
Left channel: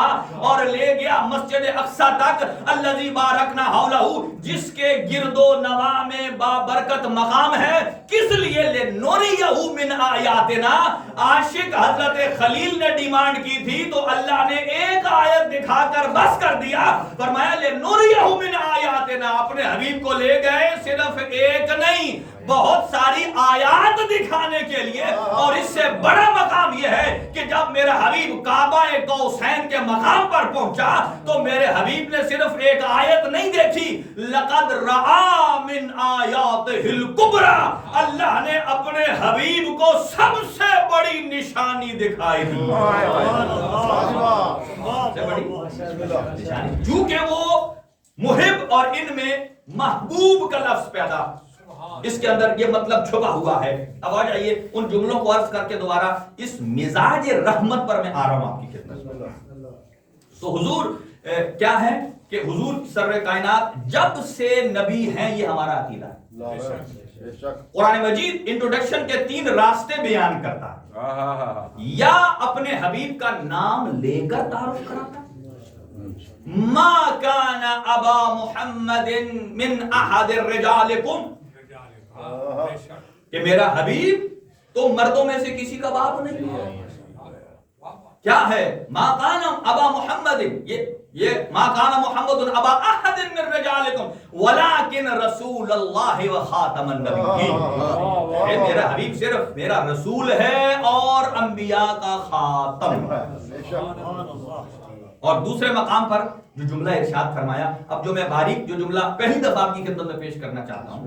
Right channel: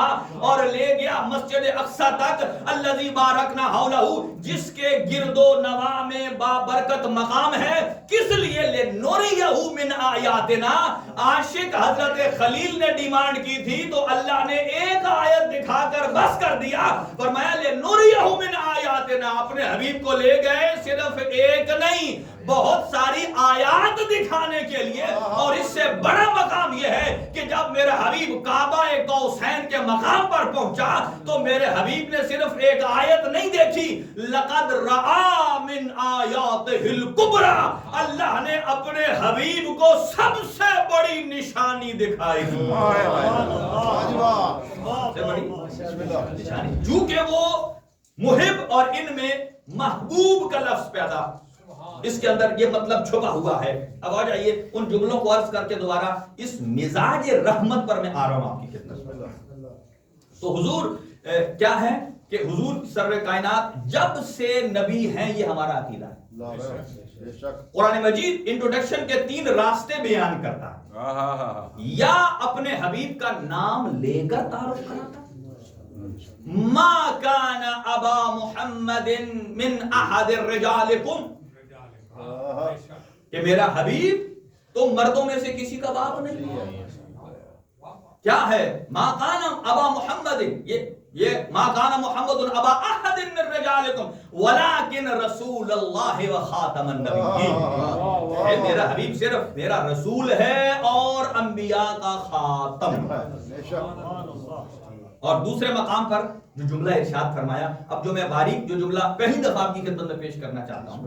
اور لے گیا مسجد اقصی تک، الذی بارکنا حولہ، جس کے گرد و نواح میں بابرکت مقام ہے. کس لیے؟ لنریہ من آیاتنا. عاشق حضرت خلیل نے ڈیمانڈ کی تھی تو اللہ نے ایک آیت دکھا کر بس کر دیا، فرمایا نوریہ من آیاتنا. اپنے حبیب کو لے گئے صرف ایک نہیں بہت ساری آیات دکھانے کے لیے. اور اس سے بڑا مقام یہ ہے کہ جب میرا حبیب کعبہ قوسین کے مقام پر پہنچا تو میرے حبیب نے صرف ایک آیت نہیں دیکھی، لقد رآ من آیاتہ الکبریٰ. اللہ نے اپنے حبیب کو سب سے بڑی نشانی دکھائی دی، سے بڑی نشانی، چونکہ وہ محب اور ان میں محبوب کا لفظ پیدا، اس کے اندر یہ مطلب چھپا ہوا ہے. اب آ جائیے ان جملوں کو عرض کر کے دوبارہ اس مزاج رحمت پر میں آ رہا ہوں آپ کی خدمت میں. تو حضور کیا ہے کہ حضور سرور کائنات جب سے نبی ہیں، یہ ہمارا عقیدہ ہے. قرآن مجید انٹروڈکشن کے 3 راستے بیان کرتا ہے، یا اپنے حبیب کا نام لے کر تعارف کراتا ہے، ما کان ابا محمد من احد رجالکم، کہ میرا حبیب تو مردوں میں سے کسی کا باپ نہیں ہے. کیا ہے؟ ما کان ابا محمد، یہ ما کان محمد ابا احد من رجالکم ولکن رسول اللہ و خاتم النبیین. میرا حبیب صرف میرا رسول ہے اور انبیاء کا خاتم. اور دوسرے مقام پر جو جملہ ارشاد فرمایا، اب جو میں باریک جو جملہ پہلی دفعہ آپ کی خدمت میں پیش کرنا چاہتا ہوں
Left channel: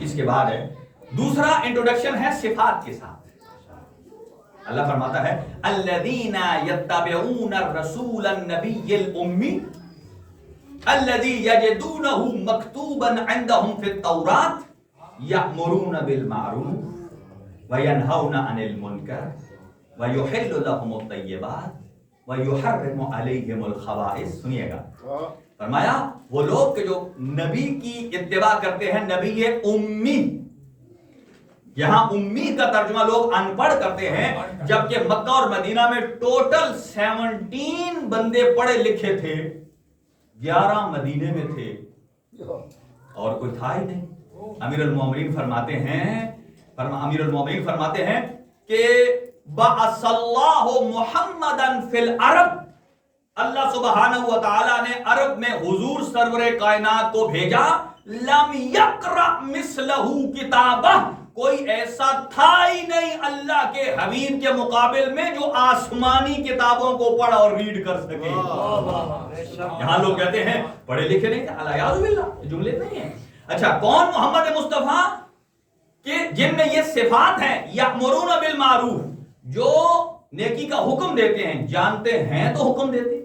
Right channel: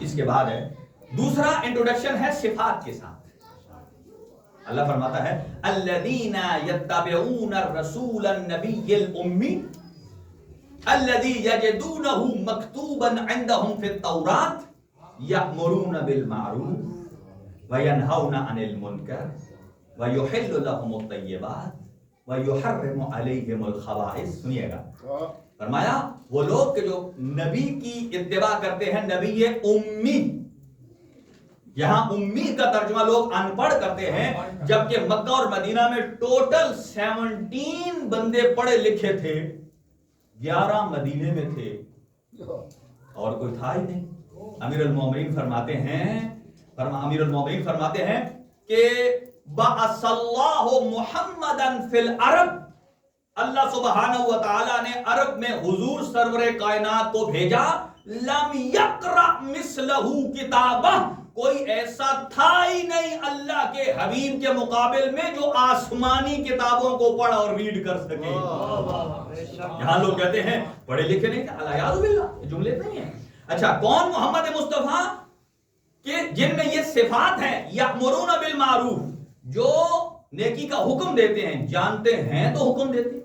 اس کے بعد ہے دوسرا انٹروڈکشن ہے صفات کے ساتھ. اللہ فرماتا ہے الذین یتبعون الرسول النبی الامی الذی یجدونہ مکتوبا عندہم فی التوراۃ یأمرون بالمعروف وینہون عن المنکر ویحل لہم الطیبات وَيُحَرِّمُ عَلَيْهِمُ الْخَبَائِثَ. سنیے گا، فرمایا وہ لوگ کہ جو نبی کی اتباع کرتے ہیں، نبی امی. یہاں امی کا ترجمہ لوگ ان پڑھ کرتے ہیں، جبکہ مکہ اور مدینہ میں ٹوٹل 17 بندے پڑھے لکھے تھے، 11 مدینے میں تھے اور کوئی تھا ہی نہیں. امیر المومنین فرماتے ہیں کہ بعث اللہ محمدا فی العرب، اللہ سبحانہ و تعالی نے عرب میں حضور سرور کائنات کو بھیجا. لم یقرأ مثلہ کتابہ، کوئی ایسا تھا ہی نہیں اللہ کے حبیب کے مقابل میں جو آسمانی کتابوں کو پڑھ اور ریڈ کر سکے. یہاں لوگ کہتے ہیں پڑھے لکھے نہیں تھے، الیاذ باللہ، یہ جملے نہیں ہیں. اچھا، کون محمد مصطفیٰ کہ جن میں یہ صفات ہیں؟ یأمرون بالمعروف، جو نیکی کا حکم دیتے ہیں، جانتے ہیں تو حکم دیتے ہیں.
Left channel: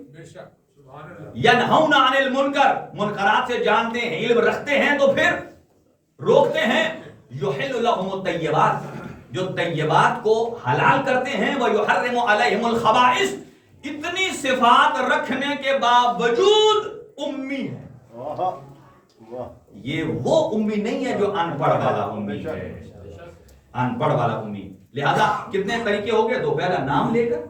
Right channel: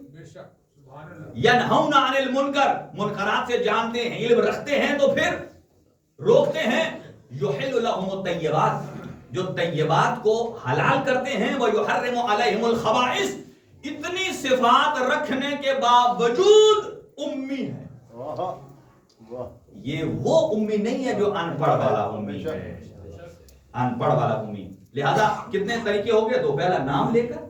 ینہون عن المنکر، منکرات سے جانتے ہیں، علم رکھتے ہیں تو پھر روکتے ہیں. یحل لہم الطیبات، جو طیبات کو حلال کرتے ہیں. ویحرم علیہم الخبائث، اتنی صفات رکھنے کے باوجود امی ہے. یہ وہ امی نہیں ہے جو ان پڑھ والا امی ہے، ان پڑھ والا امی. لہذا کتنے طریقے ہو گئے؟ تو پہلا نام لے کر،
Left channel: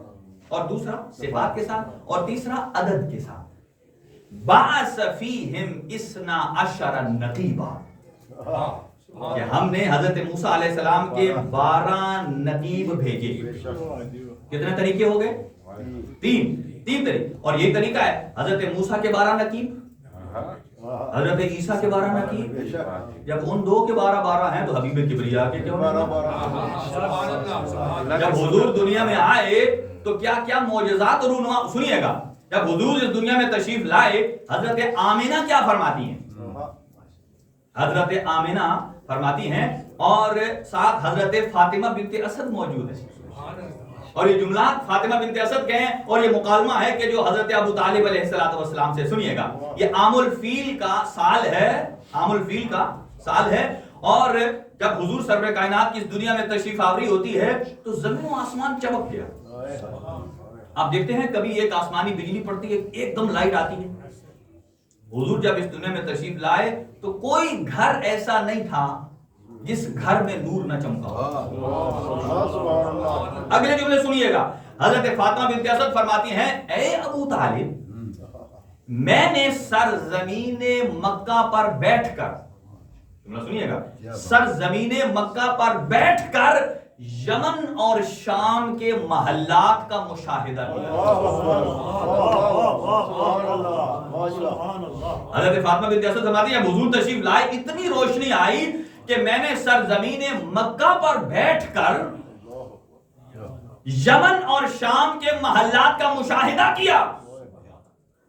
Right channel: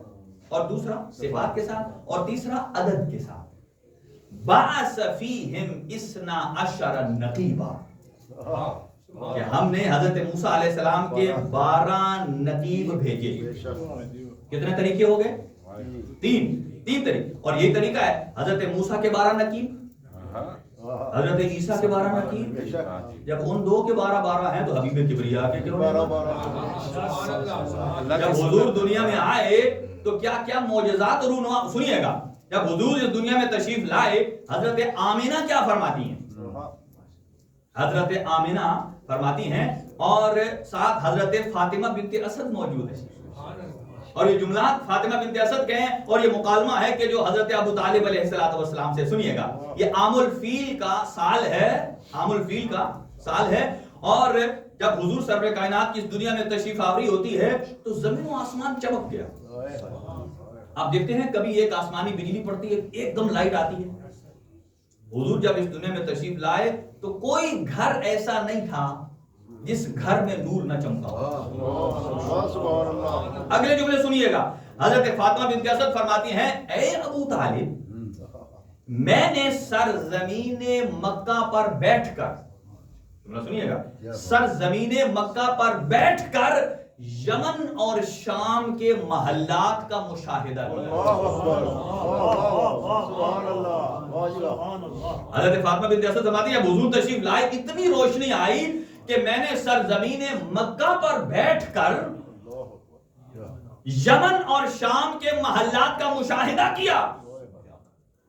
اور دوسرا صفات کے ساتھ، اور تیسرا عدد کے ساتھ. بعث فیہم 12 نقیبا، کہ ہم نے حضرت موسیٰ علیہ السلام کے 12 نقیب بھیجے. کتنے طریقے ہو گئے؟ 3 طریقے. اور یہی طریقہ ہے حضرت موسیٰ کے 12 نقیب، حضرت عیسیٰ کے 12 نقیب. جب ان 2 کے 12 ہیں تو حبیب کبریا کے کیوں؟ جب حضور دنیا میں آئے تو کیا کیا معجزات رونما. سنیے گا، جب حضور اس دنیا میں تشریف لائے، حضرت آمینہ کیا فرماتی ہیں؟ حضرت آمینہ فرماتی ہیں اور ساتھ حضرت فاطمہ بنت اسد موجود ہے. اور یہ جملات فاطمہ بنت اسد کے ہیں، اور یہ مکالمہ ہے کہ جو حضرت ابو طالب علیہ السلام سے. سنیے گا، یہ عام الفیل کا سال ہے، عام الفیل کا سال ہے. اور جب حضور سرور کائنات کی اس دنیا میں تشریف آوری ہوتی ہے تو زمین و آسمان چمک گیا. آپ دیکھتے ہیں کبھی ایک آسمانی بجلی پڑتی ہے, ایک دم لائٹ آتی ہے. حضور جب اس دنیا میں تشریف لائے تو کوئی گھر ایسا نہیں تھا جس گھر میں نور نہ چمکا ہو. اگلے جملے سنیے گا. حضرت فاطمہ بنت اسد فرماتی ہیں, اے ابو طالب, میں نے سرزمین مکہ پر بیٹھ کر, سنیے گا, سرزمین مکہ پر بیٹھ کر یمن اور شام کے محلات کا مشاہدہ کیا. حضرت فاطمہ بنت اسد فرماتی ہیں حضور تشریف لائے, اتنی روشنی آئی کہ میں نے سرزمین مکہ پر بیٹھ کر یمن اور شام کے محلات کا مشاہدہ کیا.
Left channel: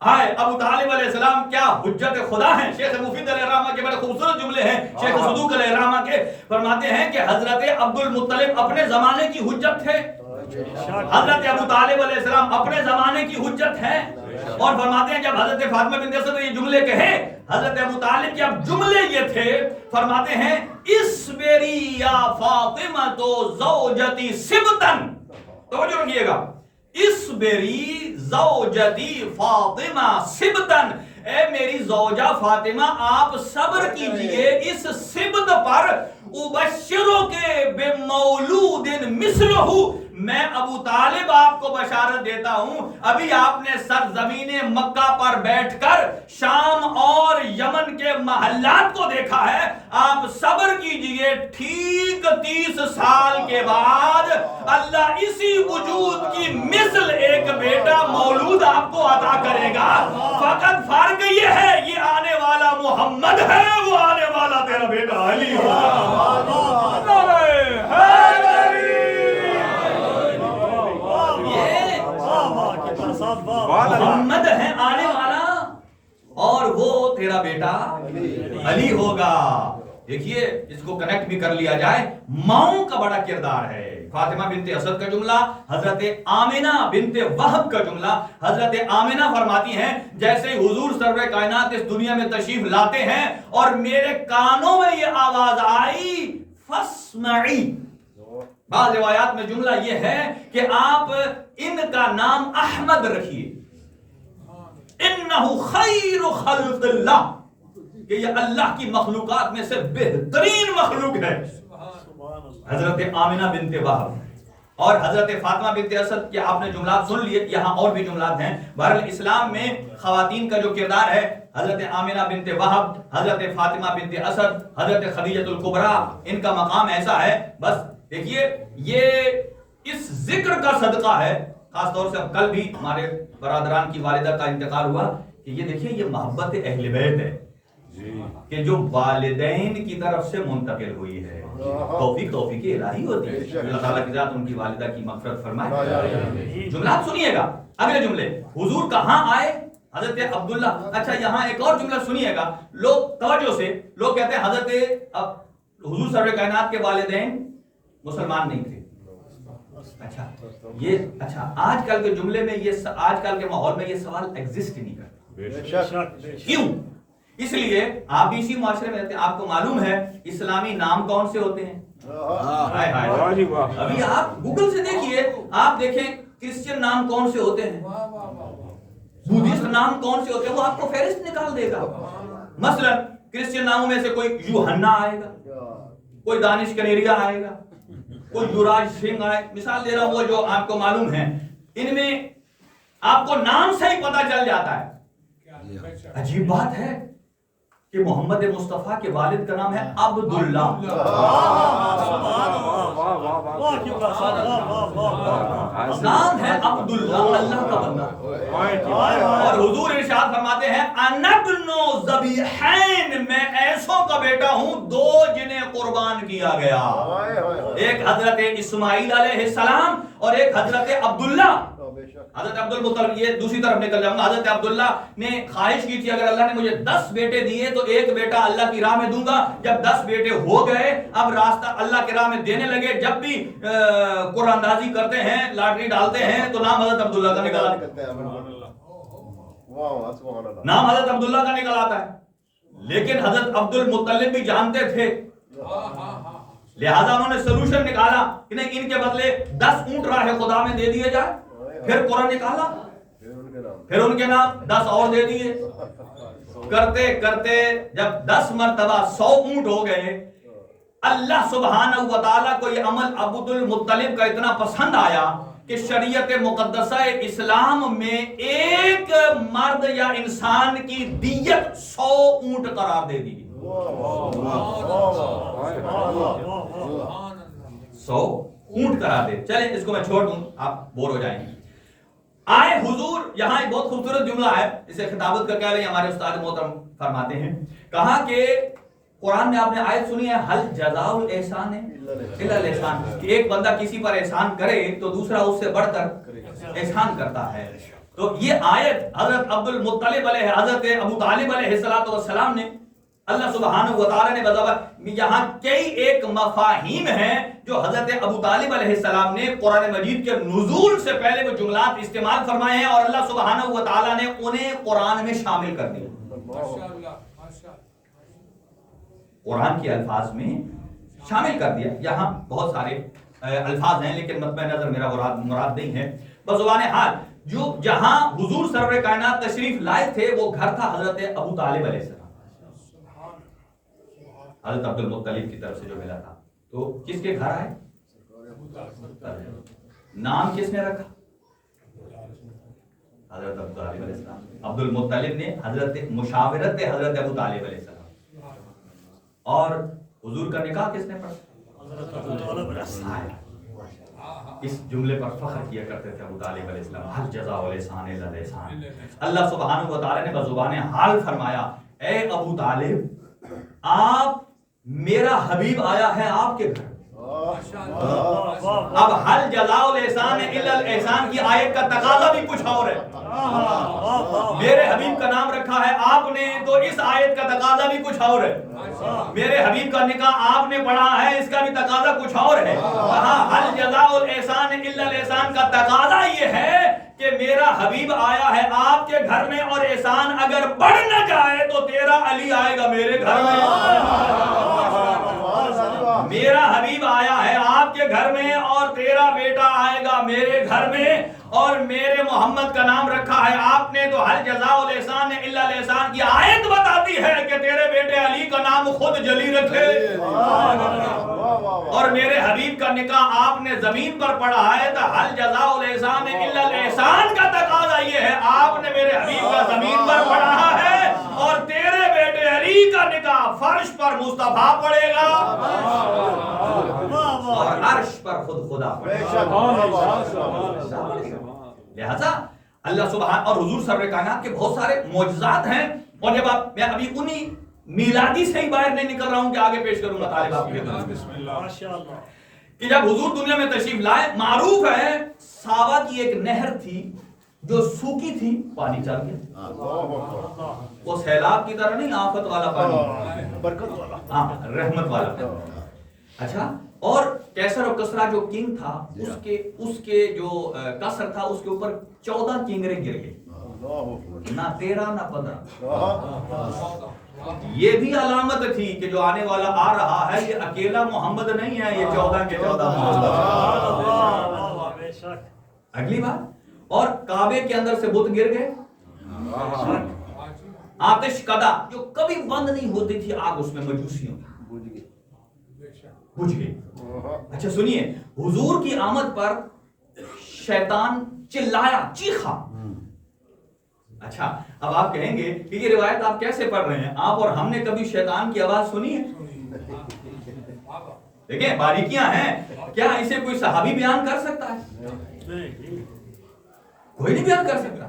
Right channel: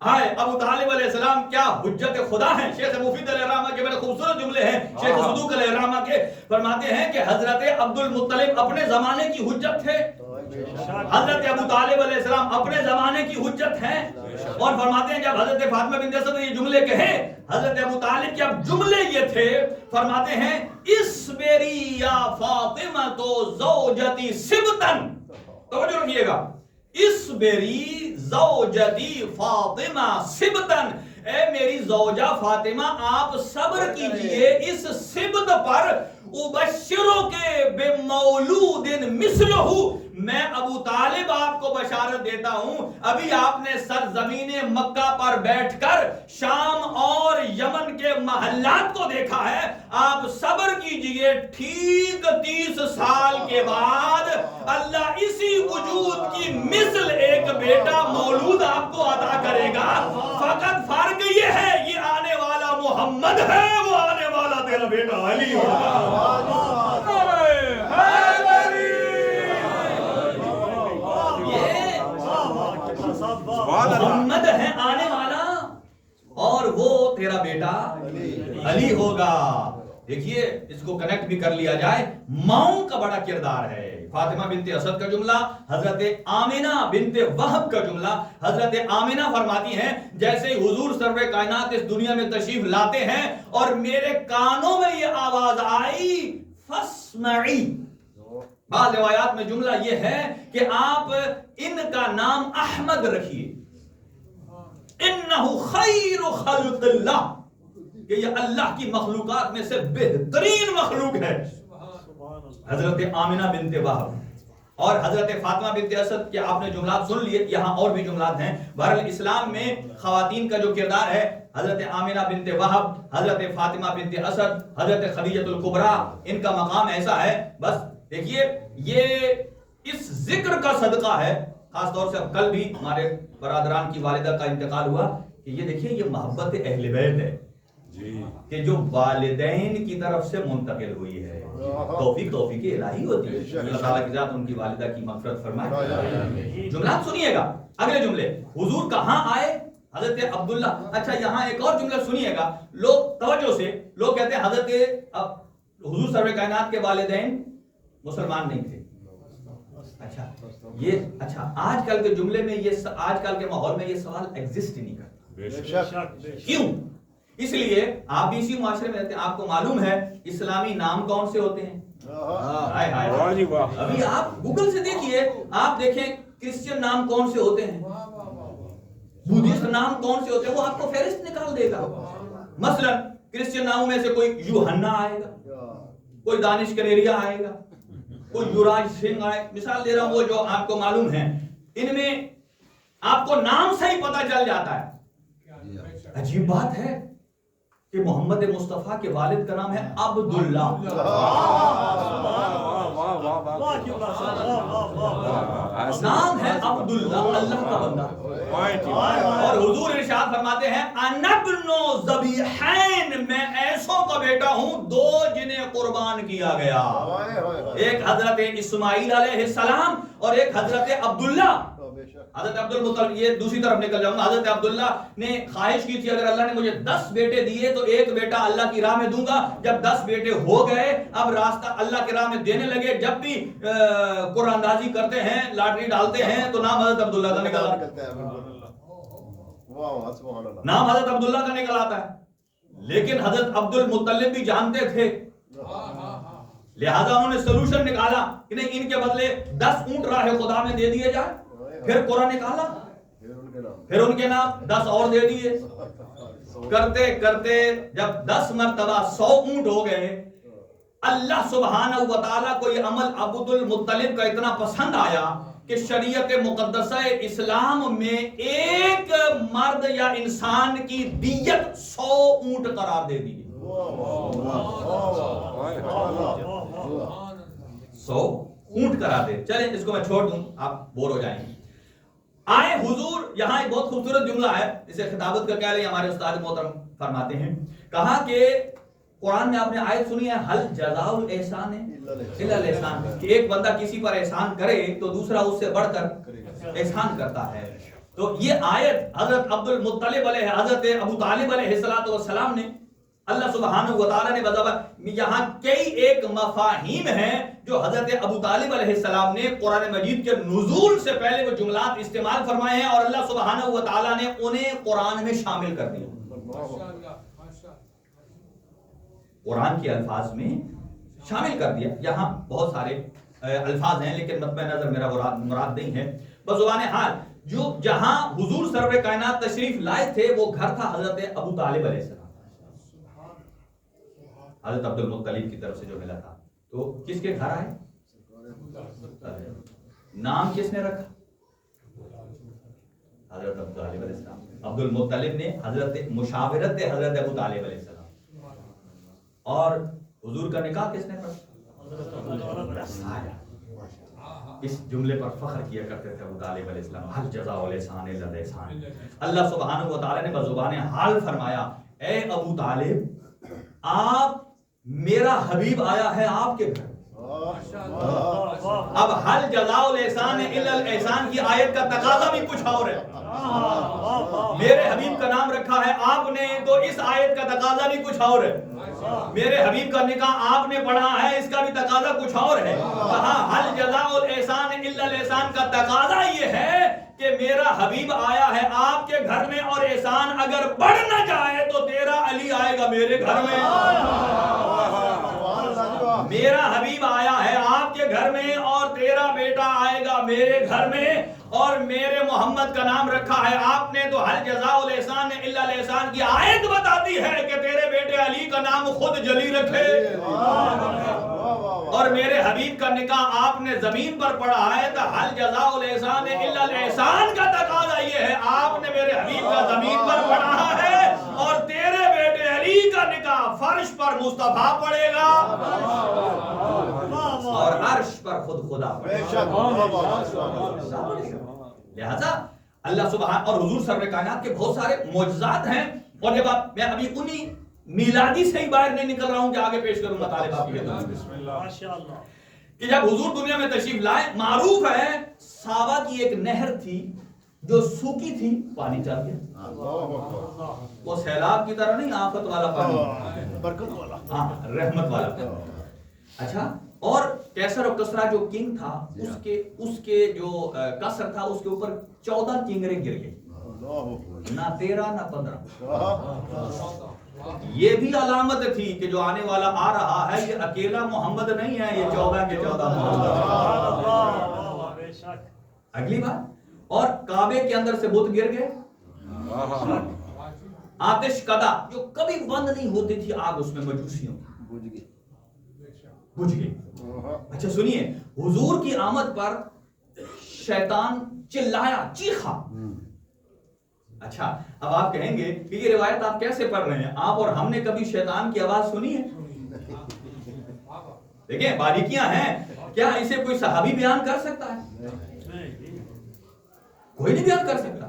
ہائے ابو طالب علیہ السلام کیا حجت خدا ہیں. شیخ مفید علیہ الرحمہ کے بڑے خوبصورت جملے ہیں شیخ صدوق علیہ الرحمہ کے. فرماتے ہیں کہ حضرت عبد المطلب اپنے زمانے کی حجت تھے, حضرت ابو طالب علیہ السلام اپنے زمانے کی حجت ہیں. اور فرماتے ہیں جب حضرت فاطمہ بنت اسد نے یہ جملے کہے, حضرت ابو طالب کے اب جملے یہ تھے, فرماتے ہیں اصبری یا فاطمہ تو زوجتی سبتن. توجہ رکھیے گا, اصبری زوجتی فاطمہ سبتن, اے میری زوجہ فاطمہ آپ صبر کیجئے اس سبت پر. ابشرو کے بمولود مثلہ, میں ابو طالب آپ کو بشارت دیتا ہوں, ابھی آپ نے سرزمین مکہ پر بیٹھ کر شام اور یمن کے محلات کو دیکھا ہے. آپ صبر کیجئے, ٹھیک 30 سال کے بعد اللہ اسی وجود کی مثل ایک بیٹا مولود آپ کو عطا کرے گا. فقط فرق یہ ہے, یہ آنے والا محمد ہے, وہ آنے والا تیرا بیٹا علی ہوگا. محمد ہے آنے والا اور وہ تیرا بیٹا علی ہوگا. دیکھیے اس کو کنیکٹ بھی کر لیا جائے, ماؤں کا بڑا کردار ہے. فاطمہ بنت اسد کا جملہ, حضرت آمنہ بنت وہب کا جملہ. حضرت آمنہ فرماتی ہیں جیسے ہی حضور سرور کائنات اس دنیا میں تشریف لاتے ہیں اور میرے کانوں میں یہ آواز آئی فاسمعی. بعض روایات میں جملہ یہ ہے کہ آپ ان کا نام احمد رکھیے, انہ خیر خلق اللہ, کہ یہ اللہ کی مخلوقات میں سے بہترین مخلوق ہے. حضرت آمنہ بنت وہب اور حضرت فاطمہ بنت اسد کے آپ نے جملات سن لیے, یہاں اور بھی جملات ہیں. بہرحال اسلام میں خواتین کا جو کردار ہے, حضرت آمنہ بنت وہب, حضرت فاطمہ بنت اسد, حضرت خدیجہ الکبریٰ, ان کا مقام ایسا ہے. بس دیکھیے یہ اس ذکر کا صدقہ ہے. خاص طور سے اب کل بھی ہمارے برادران کی والدہ کا انتقال ہوا, کہ یہ دیکھیے یہ محبت اہل بیت ہے کہ جو والدین کی طرف سے منتقل ہوئی ہے. توفیق الہی ہوتی ہے, اللہ تعالیٰ کی ذات ان کی والدہ کی مغفرت فرمائے. جملات سنیے گا, اگلے جملے, حضور کہاں آئے, حضرت عبداللہ. اچھا یہاں ایک اور جملہ سنیے گا, لوگ توجہ سے, لوگ کہتے ہیں حضرت حضور سرور کائنات کے والدین مسلمان نہیں تھے. اچھا آج کل کے جملے میں یہ, آج کل کے ماحول میں یہ سوال ایگزسٹ نہیں کرتا. کیوں؟ اس لیے آپ بھی اسی معاشرے میں رہتے ہیں, آپ کو معلوم ہے اسلامی نام کون سے ہوتے ہیں. ابھی آپ گوگل سے دیکھیے, آپ دیکھیں کرسچین نام کون سے ہوتے ہیں, بدھسٹ نام کون سے ہوتے ہیں, وہ آپ کو فہرست نکال دے گا. مثلا کرسچین ناموں میں سے کوئی یوحنا آئے گا, کوئی دانش کنیریا آئے گا, کوئی یوراج سنگھ آئے, مثال دے رہا ہوں وہ جو آپ کو معلوم ہے. ان میں آپ کو نام سے ہی پتہ چل جاتا ہے. عجیب بات ہے کہ محمد مصطفیٰ کے والد کا نام ہے عبداللہ. نام ہے عبداللہ, اللہ کا بندہ. اور حضور ارشاد فرماتے ہیں انا ابن ذبیحین, میں ایسوں کا بیٹا ہوں دو جنہیں قربان کیا گیا, ایک حضرت اسماعیل علیہ السلام اور ایک حضرت عبداللہ. حضرت عبد المطلب, یہ دوسری طرف نکل جاؤں گا, حضرت عبداللہ نے خواہش کی تھی اگر اللہ نے مجھے 10 بیٹے دیے تو ایک بیٹا اللہ کی راہ میں دوں گا. جب 10 بیٹے ہو گئے, اب راستہ اللہ کی راہ میں دینے لگے, جب بھی قرآن اندازی کرتے ہیں, لاٹری ڈالتے ہیں, تو نام حضرت عبداللہ کا نکل آتا ہے. نام حضرت عبداللہ کا نکل آتا ہے. لیکن حضرت عبد المطلب بھی جانتے تھے لہذا انہوں نے سلوشن نکالا کہ نہیں ان کے بدلے 10 اونٹ راہ خدا میں دے دیے جائے. پھر قرآن نکالا, پھر ان کے نام 10 اور دے دیے. کرتے کرتے جب 10 مرتبہ 100 اونٹ ہو گئے, اللہ سبحانہ و تعالیٰ کو یہ عمل عبد المطلب کا اتنا پسند آیا کہ شریعت مقدسہ اسلام میں ایک مرد یا انسان کی دیت 100 اونٹ قرار دے دی. 100 اونٹ قرار دے. چلیں اس کو میں چھوڑ دوں, آپ بور ہو جائیں گے. آئے حضور, یہاں ایک بہت خوبصورت جملہ ہے, اسے خطابت کا کہہ رہے ہیں ہمارے استاد محترم فرماتے ہیں, کہا کہ قرآن میں آپ نے آیت سنی ہے حل جزاء الاحسان الا الاحسان, کہ ایک بندہ کسی پر احسان کرے تو دوسرا اس سے بڑھ کر احسان کرتا ہے. تو یہ آیت حضرت عبد المطلب علیہ حضرت ابو طالب علیہ السلام نے, اللہ سبحانہ و تعالی نے بذات یہاں کئی ایک مفاہیم ہیں جو حضرت ابو طالب علیہ السلام نے قرآن مجید کے نزول سے پہلے وہ جملات استعمال فرمائے ہیں اور اللہ سبحانہ و تعالی نے انہیں قرآن میں شامل کر دیا. قرآن کے الفاظ میں شامل کر دیا. یہاں بہت سارے الفاظ ہیں لیکن مطمئن نظر میرا مراد نہیں ہے. بزبان حال جو جہاں حضور سرور کائنات تشریف لائے تھے وہ گھر تھا حضرت ابو طالب علیہ السلام, حضرت عبد المطلب کی طرف سے جو ملا تھا. تو کس کے گھر آئے؟ نام کس نے رکھا؟ حضرت ابو طالب علیہ السلام. عبد المطلب نے حضرت مشاورت حضرت ابو طالب علیہ السلام. اور حضور کا نکاح کس نے پڑھا؟ اس جملے پر فخر کیا کرتے تھے ابو طالب علیہ السلام, حل جزاء الاحسان الا الاحسان. اللہ سبحانہ و تعالی نے بزبان حال فرمایا, اے ابو طالب آپ, میرا حبیب آیا ہے آپ کے گھر. اب حل جزاء الاحسان الا الاحسان کی آیت کا تقاضا بھی کچھ اور ہے. میرے حبیب کا نام رکھا ہے آپ نے تو اس آیت کا تقاضا بھی کچھ اور ہے. میرے حبیب کا نکاح آپ نے پڑھا ہے, اس کا بھی تقاضا کچھ اور ہے. کہا حل جزاء الاحسان الا الاحسان کا تقاضا یہ ہے کہ میرا حبیب آیا ہے آپ کے گھر میں اور احسان اگر بڑھ نہ جائے تو تیرا علی آئے گا میرے گھر میں. میرا حبیب آیا ہے آپ کے گھر میں اور تیرا بیٹا آئے گا میرے گھر میں, اور میرے محمد کا نام رکھا ہے آپ نے تو حل جزاء الاحسان الا الاحسان کی آیت بتاتی ہے کہ تیرے بیٹے علی کا نام خود جلی رکھے. اور میرے حبیب کا نکاح آپ نے زمین پر پڑھا ہے تو حل جزاء الاحسان الا الاحسان کا تقاضا یہ ہے آپ نے میرے حبیب کا زمین پر پڑھا ہے اور تیرے بیٹے علی کا نکاح فرش پر مصطفیٰ پڑھے گا اور عرش پر خود خدا پڑھے گا. لہذا اللہ سبحانہ اور حضور سرور کائنات کے بہت سارے معجزات ہیں. اور جب آپ, میں ابھی انہی میلادی سے ہی باہر نہیں نکل رہا ہوں کہ آگے پیش کروں گا طالب آپ کی کہ جب حضور دنیا میں تشریف لائے, معروف ہے ساوا کی ایک نہر تھی جو سوکی تھی, پانی چل گیا. وہ سیلاب کی طرح نہیں, آفت والا پانی, برکت والا, ہاں رحمت والا پانی. اچھا, اور کیسر و کسرا جو کنگ تھا اس کے جو کسر تھا اس کے اوپر 14 کنگرے گر گئے, نہ 13 نہ 15. یہ بھی علامت تھی کہ جو آنے والا آ رہا ہے یہ اکیلا محمد نہیں ہے, یہ 14 کے 14 محمد. اگلی بات, اور کعبے کے اندر سے بت گر گئے. آتش کدا جو کبھی بند نہیں ہوتی تھی آگ اس میں مجوسیوں بجھ گئی. اچھا سنیے, حضور کی آمد پر شیطان چلایا, چیخا. اچھا اب آپ کہیں گے کہ یہ روایت آپ کیسے پڑھ رہے ہیں, آپ اور ہم نے کبھی شیطان کی آواز سنی ہے؟ دیکھیں باریکیاں ہیں, کیا اسے کوئی صحابی بیان کر سکتا ہے؟ کوئی نہیں بیان کر سکتا.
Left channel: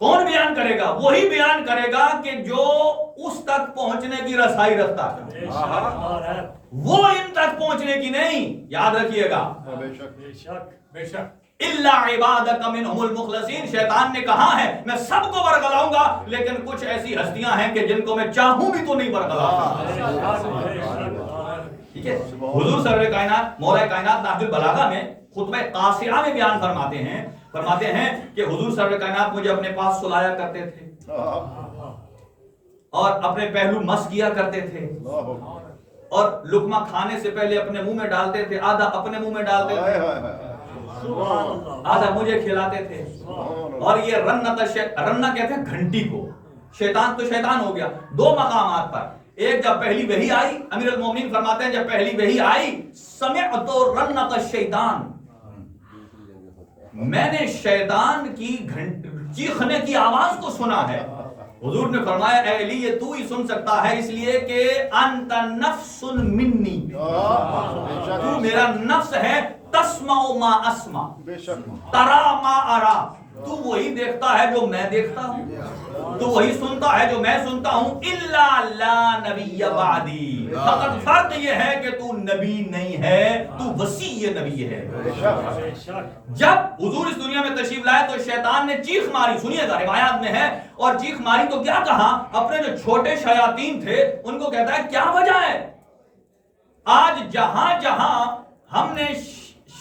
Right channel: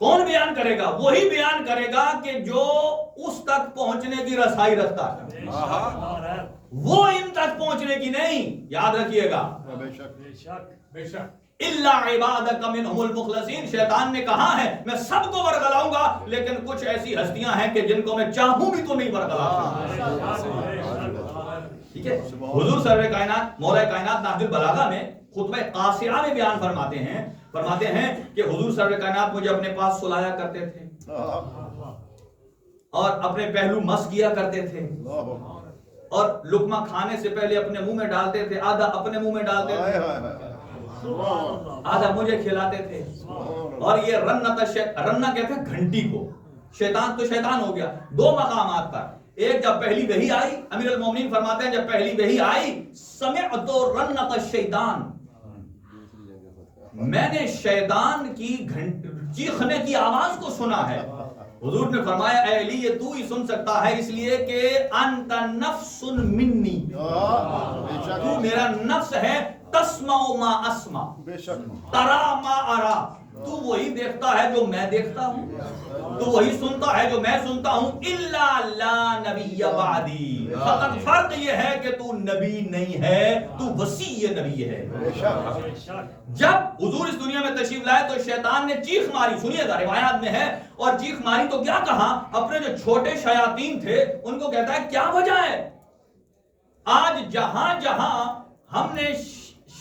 کون بیان کرے گا؟ وہی بیان کرے گا کہ جو اس تک پہنچنے کی رسائی رکھتا ہے, وہ ان تک پہنچنے کی نہیں. یاد رکھیے گا, بے شک الا عبادک منہم المخلصین. شیطان نے کہا ہے میں سب کو ورگلاؤں گا لیکن کچھ ایسی ہستیاں ہیں کہ جن کو میں چاہوں بھی تو نہیں ورگلا سکتا. ٹھیک ہے, حضور سرور کائنات مولا کائنات نہج البلاغہ میں خطبہ قاصرہ میں بیان فرماتے ہیں کہ حضور سرور کائنات مجھے اپنے پاس سلایا کرتے تھے اور اپنے پہلو مس کیا کرتے تھے اور لقمہ کھانے سے پہلے اپنے منہ میں ڈالتے تھے، آدھا اپنے منہ میں ڈالتے تھے، آدھا مجھے کھلاتے تھے. اور یہ رنہ کہتے ہیں گھنٹی کو. شیطان تو شیطان ہو گیا دو مقامات پر. ایک جب پہلی وحی آئی، امیر المومنین فرماتے ہیں جب پہلی وحی آئی سمعت رنۃ الشیطان، میں نے شیطان کی چیخنے کی آواز کو سنا ہے. حضور نے فرمایا اے علی یہ تو ہی سن سکتا ہے اس لیے کہ انت نفس منی، تو میرا نفس ہے. تسمع ما اسمع ترا ما ارا، تو وہی دیکھتا ہے جو میں دیکھتا ہوں، تو وہی سنتا ہے جو میں سنتا ہوں. الا لا نبی بعدی، فقط فرق یہ ہے کہ تو نبی نہیں ہے، تو وصی نبی ہے. جب حضور اس دنیا میں تشریف لائے تو شیطان نے چیخ ماری، سنیے گا روایات میں ہے، اور چیخ ماری تو کیا کہا، اپنے جو چھوٹے شیاطین تھے ان کو کہتا ہے کیا وجہ ہے، آج جہاں جہاں ہم نے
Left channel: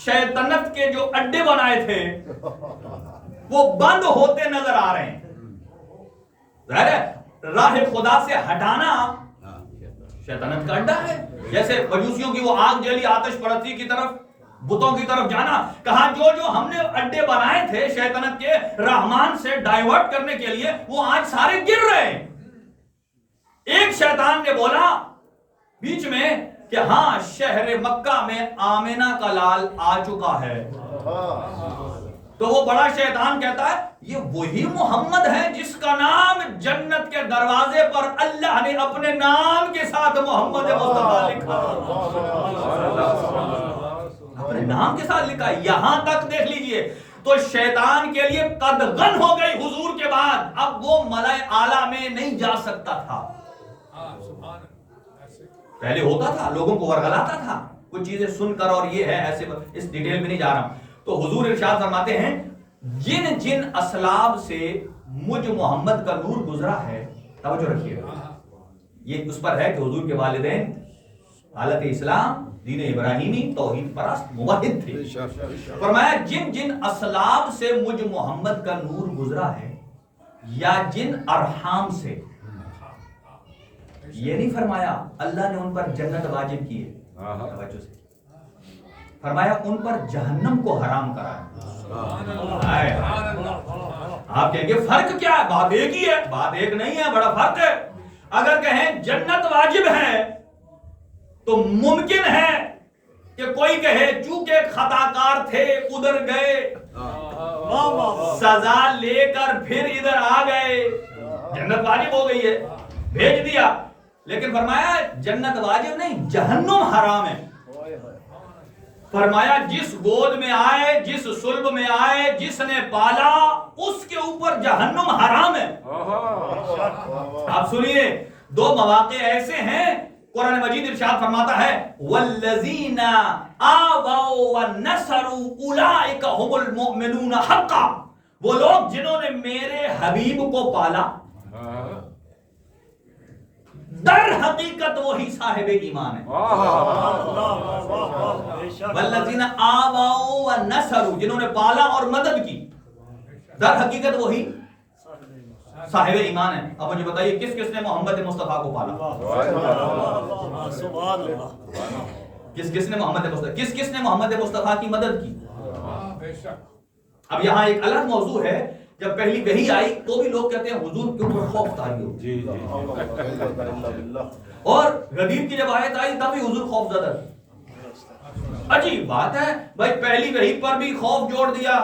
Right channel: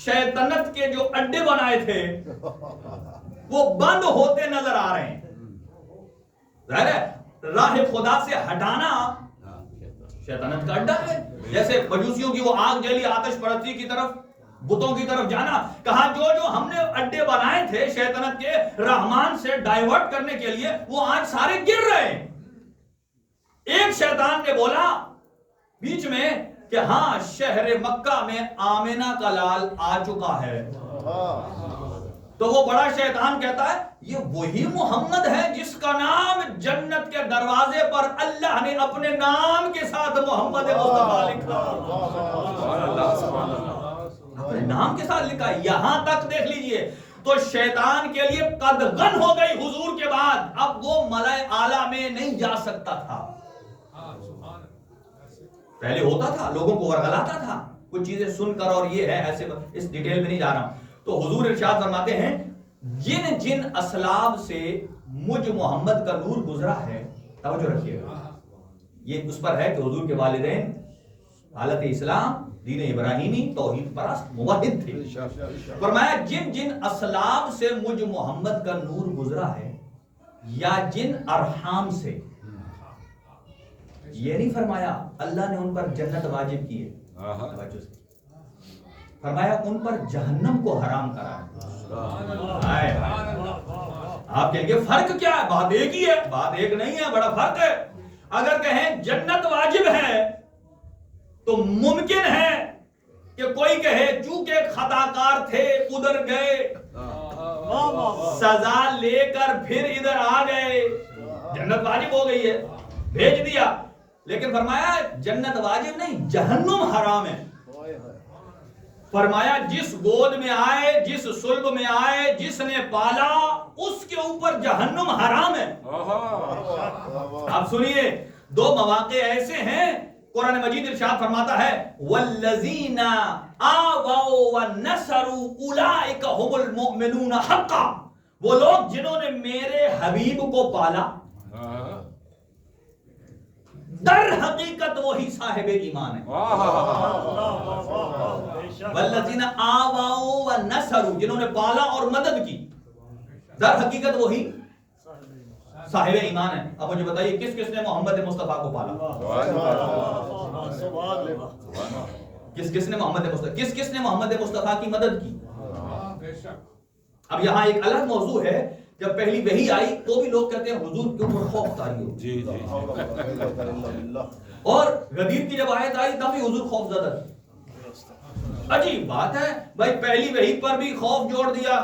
شیطنت کے جو اڈے بنائے تھے وہ بند ہوتے نظر آ رہے ہیں. ظاہر ہے راہ خدا سے ہٹانا شیطنت کا اڈا ہے. جیسے مجوسیوں کی وہ آگ جیلی آتش پرستی کی طرف، بتوں کی طرف جانا، کہا جو جو ہم نے اڈے بنائے تھے شیطنت کے رحمان سے ڈائیورٹ کرنے کے لیے وہ آج سارے گر رہے ہیں. ایک شیطان نے بولا بیچ میں کہ ہاں شہر مکہ میں آمنہ کا لال آ چکا ہے. تو وہ بڑا شیطان کہتا ہے یہ وہی محمد ہے جس کا نام جنت کے دروازے پر اللہ نے اپنے نام کے ساتھ محمد مصطفیٰ لکھا، اپنے نام کے ساتھ لکھا. یہاں تک دیکھ لیجئے تو شیطان کے لیے قدغن ہو گئی حضور کے بعد، اب وہ ملائے اعلیٰ میں نہیں جا سکتا تھا. پہلے ہوتا تھا، لوگوں کو ورغلاتا تھا کچھ چیزیں سن کر، اور یہ ہے ایسے، اس ڈیٹیل میں نہیں جا رہا ہوں. تو حضور ارشاد فرماتے ہیں جن جن اسلاب سے مجھ محمد کا نور گزرا ہے، توجہ رکھیے گا یہ اس پر ہے کہ حضور کے والدین حالت اسلام دین ابراہیمی توحید پرست موحد تھے. فرمایا جن جن اسلاب سے مجھ محمد کا نور گزرا ہے، یا جن ارحام سے، یہ نہیں فرمایا اللہ نے ان پر جنت واجب کی ہے، توجہ سے فرمایا ان پر جہنم کو حرام کرا ہے. آپ کہیں گے فرق کیا ہے، بات ایک ہی ہے. بات ایک نہیں ہے، بڑا فرق ہے. اگر کہیں جنت واجب ہے تو ممکن ہے کہ کوئی کہے چونکہ خطا کار تھے ادھر گئے، سزا لے کر پھر ادھر آ گئے، جنت واجب ہو گئی ہے، بھیج دیا. لیکن فرمایا جنت واجب نہیں، جہنم حرام ہے. فرمایا جس گود میں آئے، جس صلب میں آئے، جس نے پالا، اس کے اوپر جہنم حرام ہے. آپ سنیے دو مواقع ایسے ہیں قرآن مجید ارشاد فرماتا ہے والذین آووا ونصروا اولئک هم المؤمنون حقا، وہ لوگ جنہوں نے میرے حبیب کو پالا در حقیقت وہی صاحب ایمان ہے. والذین آووا ونصروا، جنہوں نے پالا اور مدد کی، در حقیقت وہی صاحب ایمان ہے. اب مجھے بتائیے کس کس نے محمد مصطفیٰ کو پالا، کس کس نے محمد مصطفیٰ، کس کس نے محمد مصطفیٰ کی مدد کی. اب یہاں ایک الگ موضوع ہے، جب پہلی وحی آئی تو بھی لوگ کہتے ہیں حضور کے اوپر خوف طاری ہو، اور غدیر کی جب آیت آئی تب بھی حضور خوف زدہ تھے. عجیب بات ہے بھائی، پہلی وحی پر بھی خوف جوڑ دیا،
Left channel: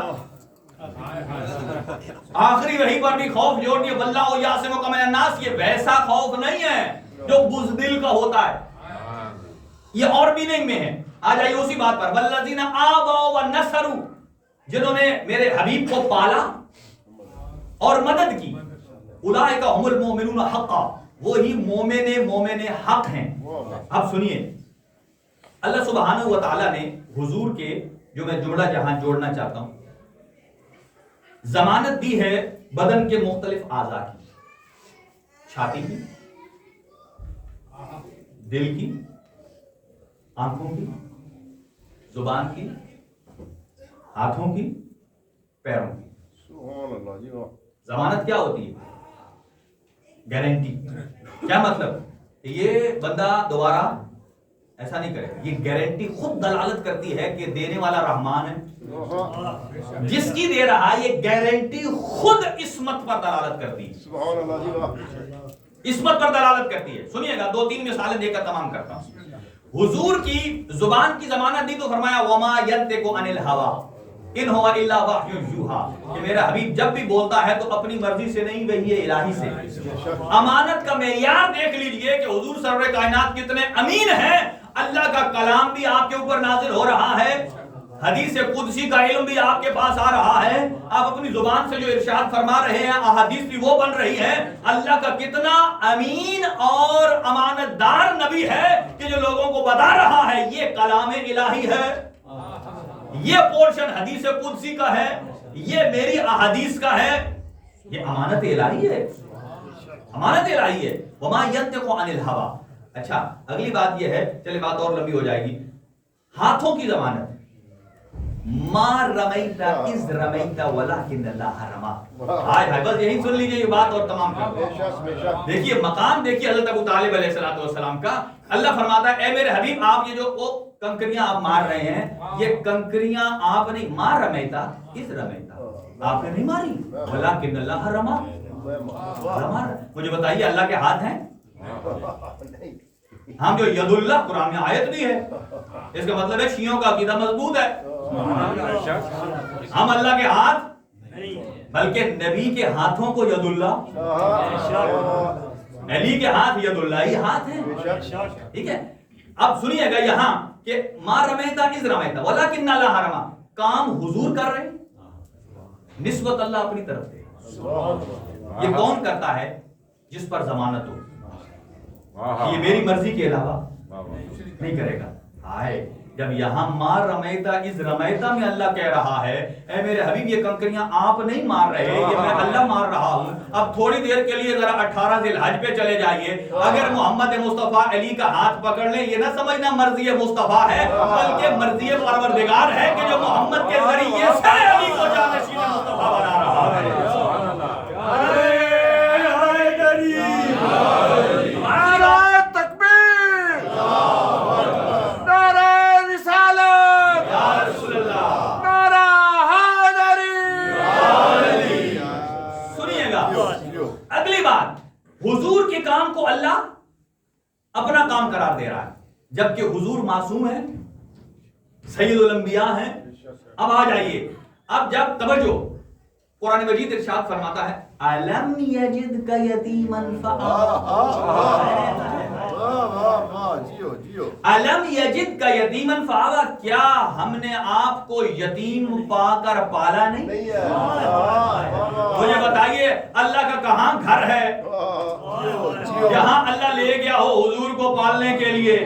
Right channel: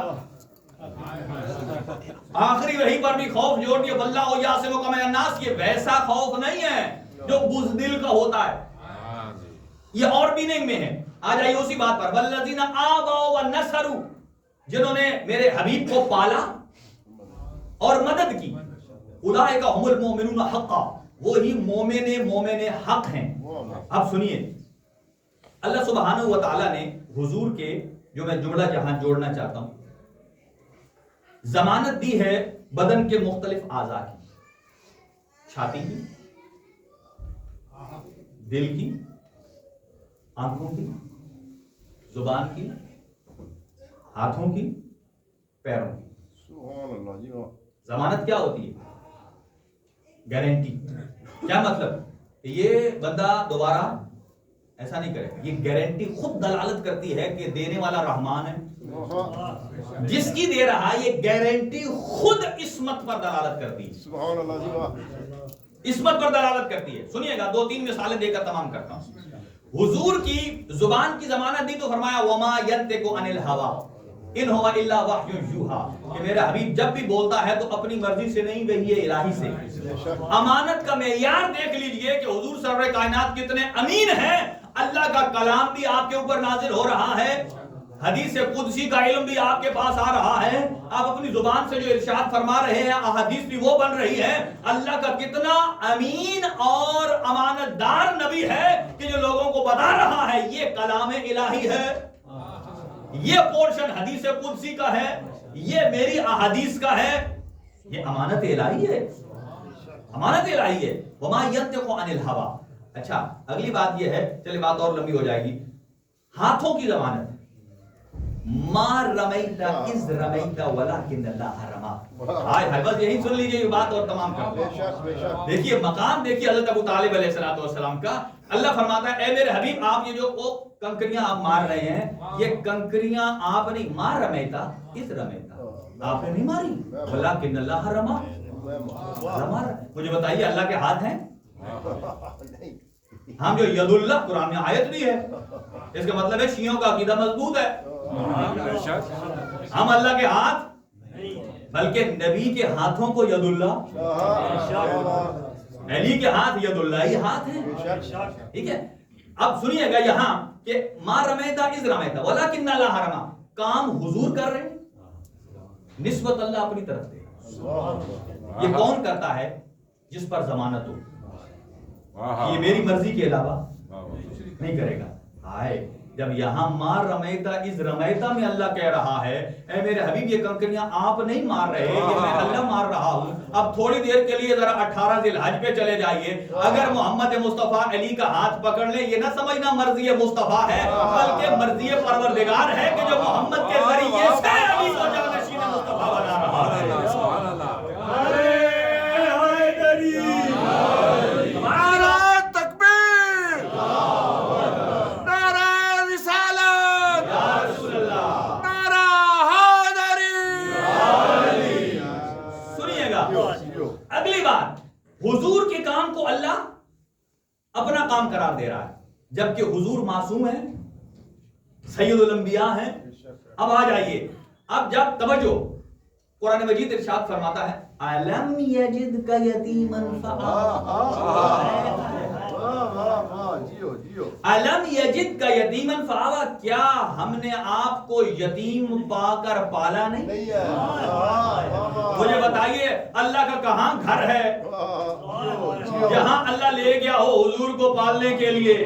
آخری وحی پر بھی خوف جوڑ دیا. واللہ یعصمک من الناس، یہ ویسا خوف نہیں ہے جو بزدل کا ہوتا ہے، یہ اور بھی نہیں میں ہے. آ جائیے اسی بات پر، والذین آووا ونصروا، جنہوں نے میرے حبیب کو پالا اور مدد کی، اولئک هم المؤمنون حقا، وہی مومن حق ہیں. اب سنیے اللہ سبحانہ و تعالی نے حضور کے، جو میں جملہ جہاں جوڑنا چاہتا ہوں، ضمانت دی ہے بدن کے مختلف اعضاء کی، چھاتی کی، دل کی، آنکھوں کی، زبان کی، ہاتھوں کی، پیروں کی. ضمانت کیا ہوتی ہے؟ گارنٹی. کیا مطلب؟ یہ بندہ دوبارہ ایسا نہیں کرے. یہ گارنٹی خود دلالت کرتی ہے کہ دینے والا رحمان ہے. جس کی دے رہا یہ گارنٹی خود عصمت پر دلالت کرتی ہے. سبحان اللہ جی. عصمت پر دلالت کرتی ہے. سنیے گا 2-3 مثالیں دے کر تمام کرتا ہوں. حضور کی زبان کی ضمانت دی تو فرمایا وما ينطق عن الهوى ان هو الا وحی یوحى کہ میرا حبیب جب بھی بولتا ہے تو اپنی مرضی سے نہیں وحی الہی سے. امانت کا معیار دیکھ لیجئے کہ حضور سرور کائنات کتنے امین ہیں. اللہ کا کلام بھی آپ کے اوپر نازل ہو رہا ہے, حدیث قدسی کا علم بھی آپ کے پاس آ رہا ہے, آپ اپنی زبان سے جو ارشاد فرما رہے ہیں احادیث بھی وہ بن رہی ہے. اللہ کا کتنا امین اور امانت دار نبی ہے کہ جو لوگوں کو بتا رہا ہے یہ کلام الہی ہے, یہ پورشن حدیث قدسی کا ہے, یہ میری احادیث کا ہے. یہ امانت الہی ہے, امانت الہی ہے. وما ينطق عن الهوى. اچھا اگلی بات یہ ہے, چلے بات اور لمبی ہو جائے گی. ہاتھوں کی ضمانت ما رمیت اذ رمیت ولکن اللہ رما. ہائے ہائے, بس یہی سن لیجئے یہ بات اور تمام کر دو. دیکھیے مقام دیکھیے حضرت ابو طالب علیہ السلام کا. اللہ فرماتا ہے اے میرے حبیب آپ یہ جو وہ کنکریاں آپ مار رہے ہیں یہ کنکریاں آپ نہیں ما رمیت اذ رمیت, آپ نے نہیں ماری, ولکن اللہ رما. مجھے بتائیے اللہ کے ہاتھ ہیں؟ ہم جو ید اللہ قرآن میں آیت بھی ہے, اس کا مطلب ہے شیعوں کا عقیدہ مضبوط ہے. ہم اللہ کے ہاتھ بلکہ نبی کے ہاتھوں کو ید اللہ, علی کے ہاتھ ید اللہ ہی ہاتھ ہیں. ٹھیک ہے, اب سنیے گا یہاں کہ ما رمیتا اذ رمیتا ولکن اللہ رما. کام حضور کر رہے ہیں, نسبت اللہ اپنی طرف دے. یہ کون کرتا ہے؟ جس پر ضمانت ہو, یہ میری مرضی کے علاوہ نہیں کرے گا. ہائے, جب یہاں مار رمیتا اذ رمیتا میں اللہ کہہ رہا ہے اے میرے حبیب یہ کنکریاں آپ نہیں مار رہے, یہ میں اللہ مار رہا ہوں. اب تھوڑی دیر کے لیے ذرا 18 ذی الحج پہ چلے جائیے, اگر محمد مصطفیٰ علی کا ہاتھ پکڑ لیں یہ نہ سمجھنا مرضی مصطفیٰ ہے بلکہ مرضی پروردگار ہے کہ جو محمد کے ذریعے سے علی کو جانشین مصطفیٰ بنا رہا ہے. اگلی بات, حضور کے کام کو اللہ اپنا کام قرار دے رہا ہے جبکہ حضور معصوم ہیں, سید الانبیاء ہیں. اب آ جائیے, اب جب توجہ قرآن مجید ارشاد فرماتا ہے الم یجدک یتیما فآوی, الم یجدک یتیما فآوی, کیا ہم نے آپ کو یتیم پا کر پالا نہیں؟ مجھے بتائیے اللہ کا کہاں گھر ہے جہاں اللہ لے گیا ہو حضور کو پالنے کے لیے؟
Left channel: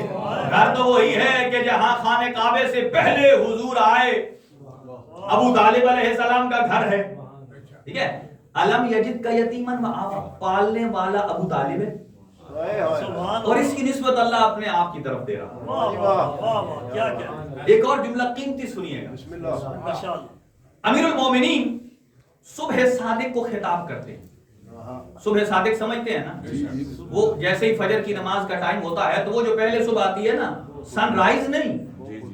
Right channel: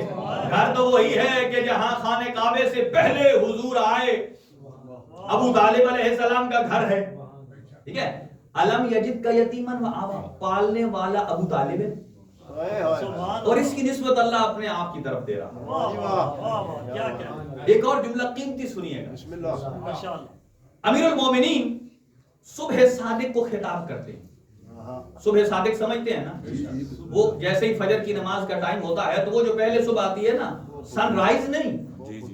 گھر تو وہی ہے کہ جہاں خانہ کعبے سے پہلے حضور آئے, ابو طالب علیہ السلام کا گھر ہے. ٹھیک ہے, الم یجد کا یتیمن فآوی, پالنے والا ابو طالب ہے اور اس کی نسبت اللہ اپنے آپ کی طرف دے رہا. ایک اور جملہ قیمتی سنیے گا. امیر المومنین صبح صادق کو خطاب کرتے ہیں. صبح صادق سمجھتے ہیں نا, وہ جیسے ہی فجر کی نماز کا ٹائم ہوتا ہے تو وہ جو پہلے صبح آتی ہے نا, سن رائز نہیں,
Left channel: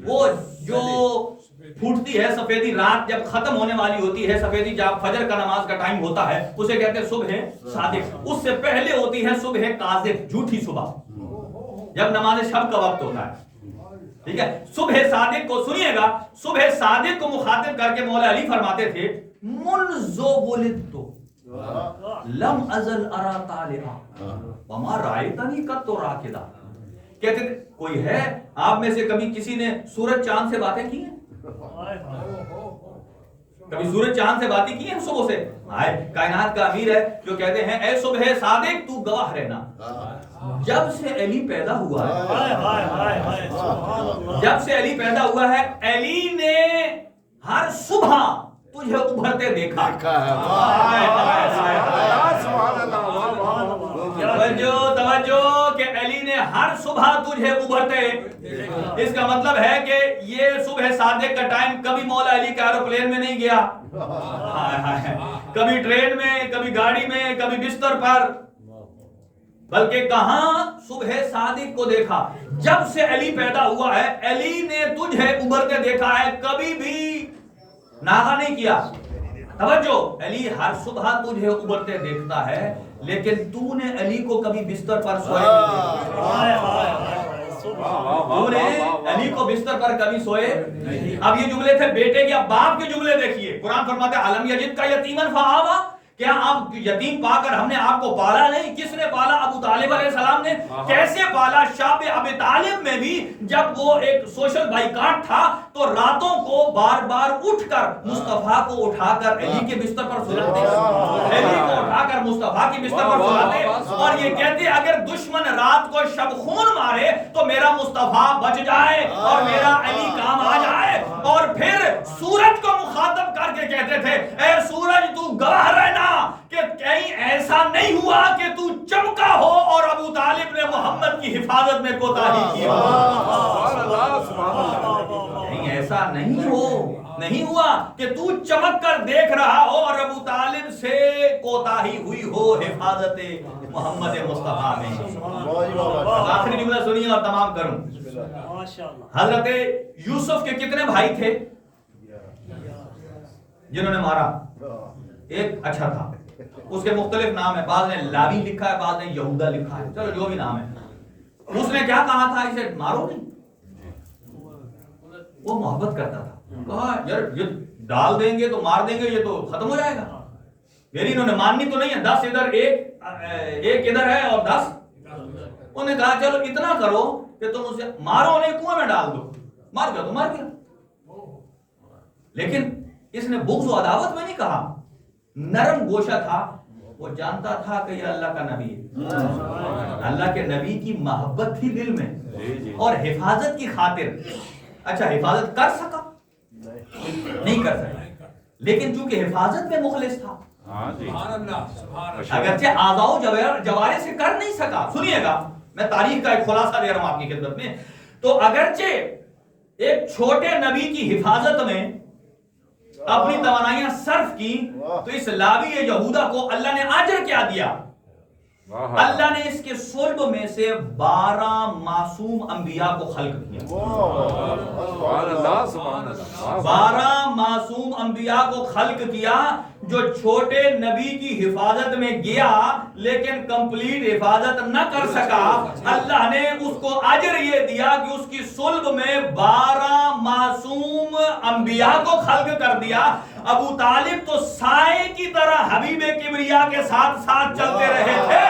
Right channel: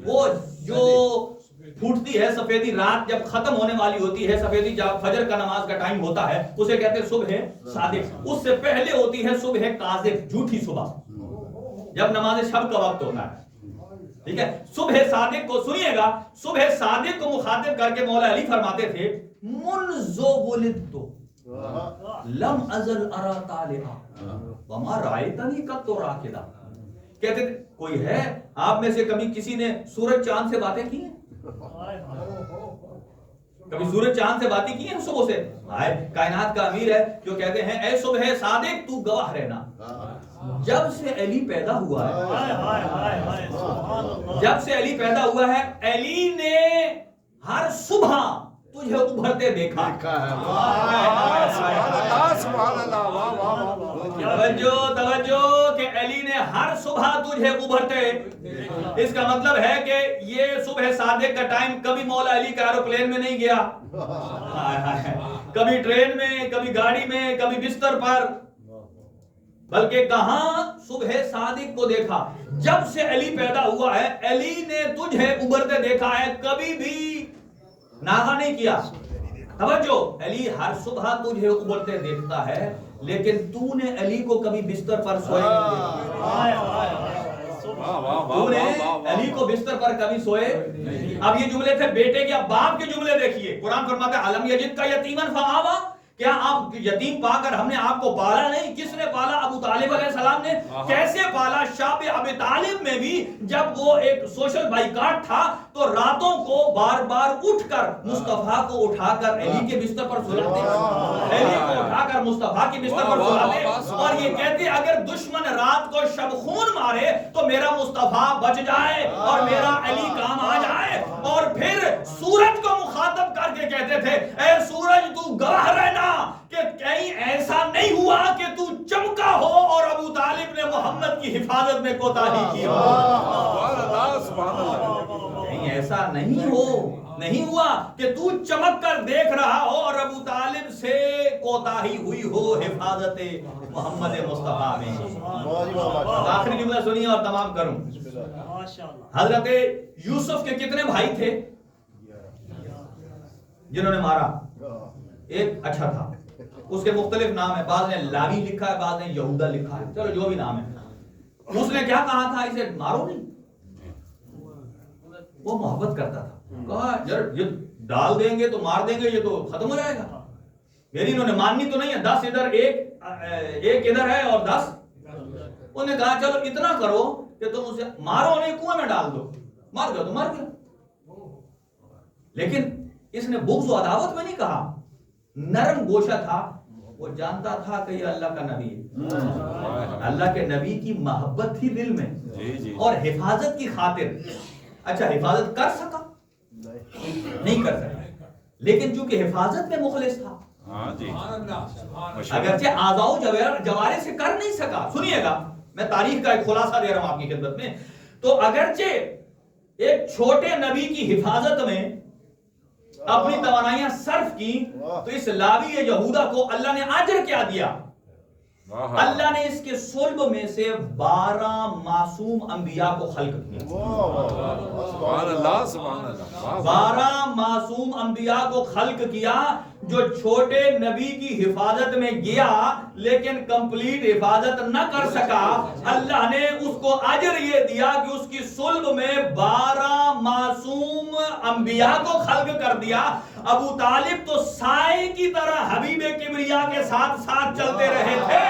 وہ جو پھوٹتی ہے سفیدی, رات جب ختم ہونے والی ہوتی ہے سفیدی, جب فجر کا نماز کا ٹائم ہوتا ہے اسے کہتے ہیں صبح صادق. اس سے پہلے ہوتی ہے صبح کاذب, جھوٹی صبح, جب نماز شب کا وقت ہوتا ہے. ٹھیک ہے, صبح صادق کو سنیے گا, صبح صادق کو مخاطب کر کے مولا علی فرماتے تھے منذ ولدت لم ازل ارا طالعا وما رأیتنی قط راکدا. کہتے تھے کوئی ہے آپ میں سے کبھی کسی نے سورج چاند سے باتیں کی ہیں؟ کبھی سورج چاند سے باتیں کی ہیں صبح سے؟ کائنات کا امیر ہے جو کہتے ہیں اے صبح صادق تو گواہ رہنا, جب سے علی پیدا ہوا ہے, جب سے علی پیدا ہوا ہے علی نے ہر صبح تجھے ابھرتے دیکھا. توجہ کہ علی نے ہر صبح تجھے ابھرتے, اس کا مطلب ہے کہ یہ صبح صادق کا ٹائم کبھی مولا علی کا ایروپلین میں نہیں گیا, کبھی ٹرین میں, کبھی گاڑی میں, کبھی بستر پر. بلکہ کہاں صبح صادق کو دیکھا. جب سے علی پیدا ہوا ہے علی نے تجھے ابھرتے دیکھا ہے, کبھی بھی ناغہ نہیں کیا. توجہ, علی ہر صبح تجھے ابھرتے دیکھتا ہے لیکن تو نے علی کو کبھی بستر پر سوئے نہیں دیکھا. تو نے علی کو بستر پر کبھی سوئے. اب یہ جملے تھے بیٹے کے, اب باپ کے جملے دیکھیے. قرآن فرماتا ہے الم یجد کا یتیمن فآوا, کیا آپ یتیم پا کر ہم نے آپ کو پالا نہیں؟ کس نے پالا؟ ابو طالب علیہ السلام نے. کیسے پالا؟ شاب ابی طالب میں بھی جب وہ ایک سوشل بائیکاٹ تھا تو راتوں کو بار بار اٹھ کر مصطفیٰ کو اٹھا کر علی کے بستر پر سلاتے, علی کو اٹھا کر مصطفیٰ کے بستر پر سلاتے, اور یہ کہتے اگر دشمن رات کو شب خون مارے تو میرا مصطفیٰ بچ جائے اور میرا علی کام آ جائے. اور پھر سورج کو مخاطب کر کے کہتے تھے اے سورج تو گواہ رہنا کہ کہیں ایسا نہیں ہوا کہ تو چمکا ہو اور ابو طالب نے محمد کی حفاظت میں کوتاہی کی ہو. کہیں ایسا نہیں ہوا کہ تو چمک کر دیکھ رہا ہو اور ابو طالب سے کوتاہی ہوئی ہو حفاظت محمد مصطفیٰ میں. آخری جملہ سنیے اور تمام کروں. حضرت یوسف کے کتنے بھائی تھے جنہوں نے مارا؟ ایک اچھا تھا, اس کے مختلف نام ہیں, بعض نے لاوی لکھا ہے, بعض نے یہودا لکھا ہے, چلو جو بھی نام ہے. اس نے کیا کہا تھا؟ اسے مارو نہیں. وہ محبت کرتا تھا, کہا یار یہ ڈال دیں گے تو مار دیں گے, یہ تو ختم ہو جائے گا. یعنی انہوں نے ماننی تو نہیں ہے, 10 ادھر ایک ادھر ہے اور 10. انہوں نے کہا چلو اتنا کرو کہ تم اسے مارو نہیں, کنویں میں ڈال دو, مار گیا تو مار گیا. لیکن اس نے بغض و عداوت میں نہیں کہا, نرم گوشہ تھا. وہ جانتا تھا کہ یہ اللہ کا نبی ہے, اللہ کے نبی کی محبت تھی دل میں اور حفاظت کی خاطر. اچھا حفاظت کر سکا؟ نہیں کر سکا, لیکن چونکہ حفاظت میں مخلص تھا, اگرچہ آزاؤ جوارے سے کر نہیں سکا. سنیے گا, میں تاریخ کا ایک خلاصہ دے رہا ہوں آپ کی خدمت میں. تو اگرچہ ایک چھوٹے نبی کی حفاظت میں اپنی توانائیاں صرف کی تو اس لاوی یہودا کو اللہ نے اجر کیا دیا؟ اللہ نے اس کے صلب میں سے 12 معصوم انبیاء کو خلق کیا. 12 معصوم انبیاء کو خلق کیا جو چھوٹے نبی کی حفاظت میں گیا لیکن کمپلیٹ حفاظت نہ کر سکا. اللہ نے اس کو اجر یہ دیا کہ اس کی صلب میں 12 معصوم انبیاء کو خلق کر دیا. ابو طالب تو سائے کی طرح حبیب کبریا کے ساتھ ساتھ چلتے رہے تھے,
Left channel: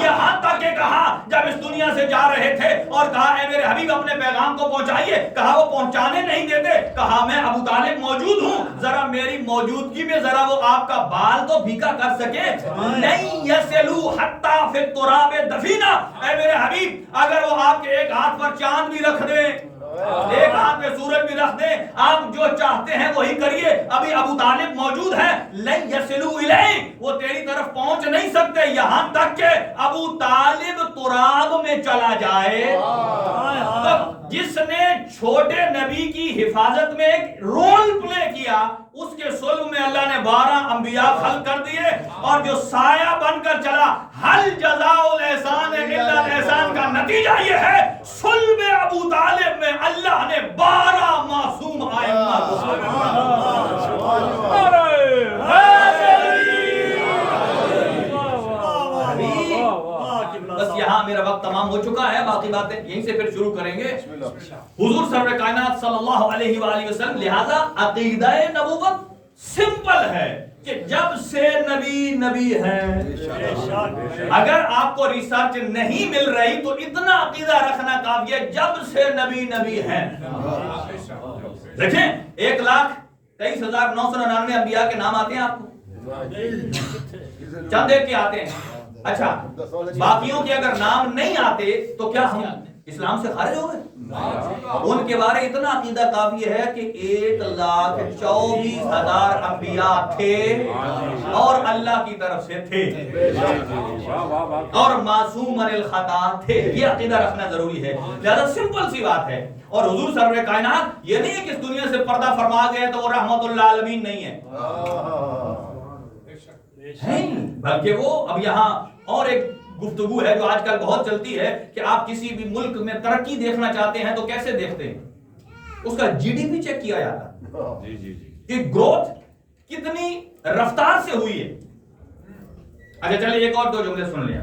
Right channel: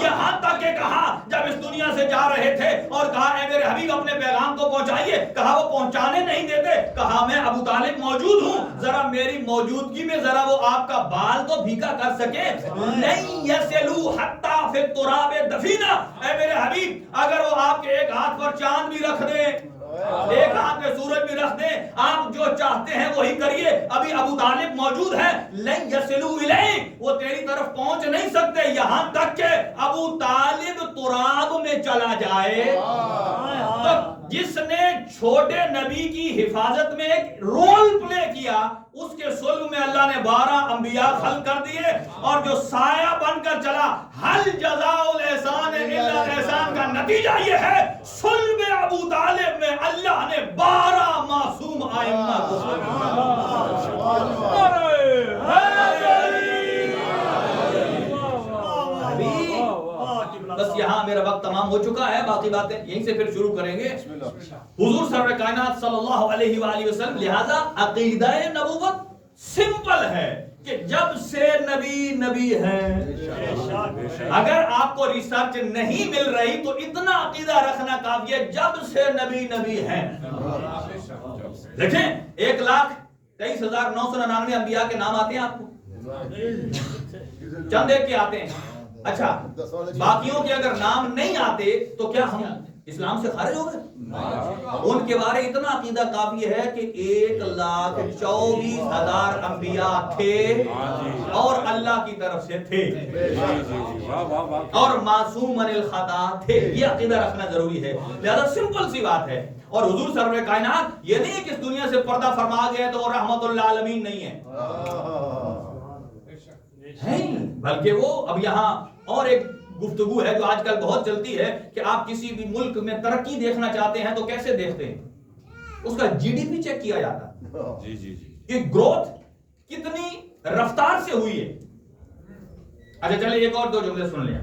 یہاں تک کہ کہا جب اس دنیا سے جا رہے تھے اور کہا اے میرے حبیب اپنے پیغام کو پہنچائیے, کہا وہ پہنچانے نہیں دیتے, کہا میں ابو طالب موجود ہوں, ذرا میری موجودگی میں ذرا وہ آپ کا بال تو بھیگا کر سکے. نہیں یسلو حتی فی التراب دفینا, اے میرے حبیب اگر وہ آپ کے ایک ہاتھ پر چاند بھی رکھ دیں, ایک ہاتھ میں سورج بھی رکھ دیں, آپ جو چاہتے ہیں وہی کریے, ابھی ابو طالب موجود ہے. لن یصلوا الیہ, وہ تیری طرف پہنچ نہیں سکتے یہاں تک کہ ابو طالب تراب میں چلا جائے. تو جس نے چھوٹے نبی کی حفاظت میں ایک رول پلے کیا, اس کے صلب میں اللہ نے 12 انبیاء خلق کر دیے, اور جو سایہ بن کر چلا. حل جزاء الاحسان الا الاحسان کا نتیجہ یہ ہے صلب ابو طالب میں اللہ نے 12 معصوم ائمہ کو بس یہاں میرا وقت تمام ہو چکا ہے, باقی باتیں یہیں سے پھر شروع کریں گے. حضور سرور کائنات صلی اللہ علیہ وآلہ وسلم, لہذا عقیدہ نبوت سمپل ہے کہ جب سے نبی ہے. اگر آپ کو ریسرچ نہیں مل رہی تو اتنا عقیدہ رکھنا کافی ہے, جب سے نبی ہے. دیکھیں 1,23,999 انبیاء کے نام آتے ہیں آپ کو, چند ایک کے آتے ہیں. اچھا باقیوں کے اگر نام نہیں آتے تو کیا ہم اسلام سے خارج ہو گئے؟ ان کے بارے اتنا عقیدہ کافی ہے کہ 1,24,000 انبیاء تھے اور اللہ کی طرف سے تھے اور معصوم من الخطا تھے. یہ عقیدہ رکھنا ضروری ہے. لہذا سمپل سی بات ہے. اور حضور سرور کائنات یہ نہیں ہے کہ اس دنیا سے پردہ فرما گئے تو وہ رحمت للعالمین نہیں ہے, بلکہ وہ اب یہاں اور ایک گفتگو ہے جو آج کل بہت چلتی ہے کہ آپ کسی بھی ملک میں ترقی دیکھنا چاہتے ہیں تو کیسے دیکھتے ہیں؟ اس کا جی ڈی پی چیک کیا جاتا کہ گروتھ کتنی رفتار سے ہوئی ہے. اچھا چلیے ایک اور 2 جملے سن لیں.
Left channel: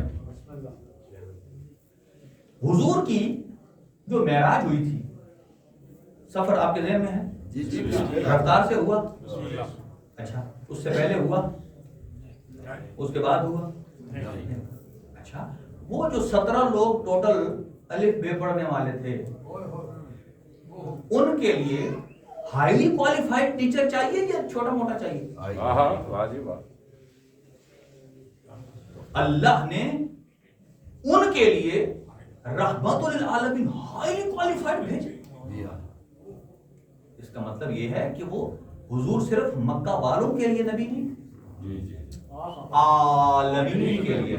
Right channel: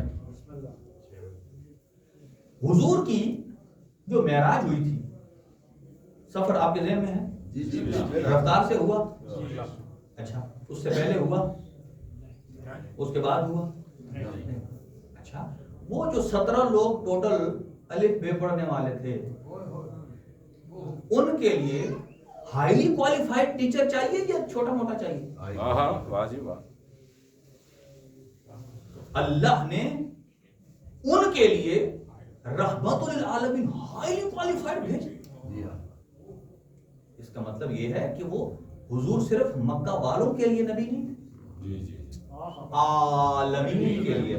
حضور کی جو معراج ہوئی تھی، سفر آپ کے ذہن میں ہے؟ رفتار سے ہوا؟ اچھا اس سے پہلے ہوا؟ اس کے بعد ہوا؟ اچھا وہ جو 17 لوگ ٹوٹل الف بے پڑھنے والے تھے، ان کے لیے ہائیلی کوالیفائڈ ٹیچر چاہیے یا چھوٹا موٹا چاہیے؟ اللہ نے ان کے لیے رحمت للعالمین ہائیلی کوالیفائڈ بھیجے. اس کا مطلب یہ ہے کہ وہ حضور صرف مکہ والوں کے لیے نبی نہیں، عالمین کے لیے.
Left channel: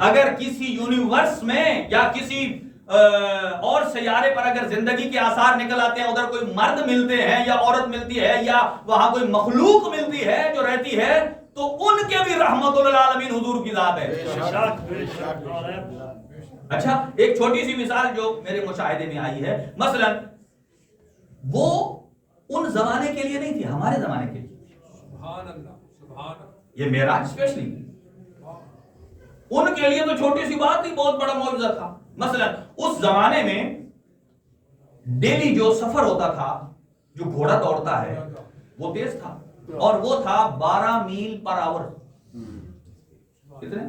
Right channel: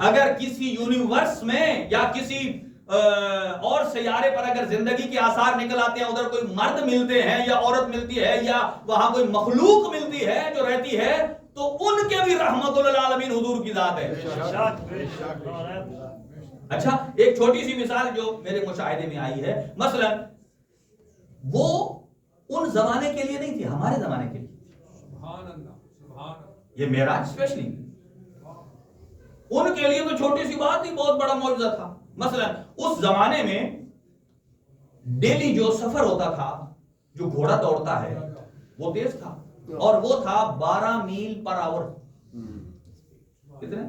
اگر کسی یونیورس میں یا کسی اور سیارے پر اگر زندگی کے آثار نکل آتے ہیں، ادھر کوئی مرد ملتے ہیں یا عورت ملتی ہے یا وہاں کوئی مخلوق ملتی ہے جو رہتی ہے، تو ان کے بھی رحمت للعالمین حضور کی ذات ہے. اچھا ایک چھوٹی سی مثال جو میرے مشاہدے میں آئی ہے، مثلا وہ ان زمانے کے لیے نہیں تھی، ہمارے زمانے کے لیے. یہ معراج اسپیشلی ان کے لیے تو چھوٹی سی بات ہی بہت بڑا معجزہ تھا. مثلا اس زمانے میں ڈیلی جو سفر ہوتا تھا، جو گھوڑا دوڑتا ہے وہ تیز تھا، اور وہ تھا 12 میل پر آور. کتنے؟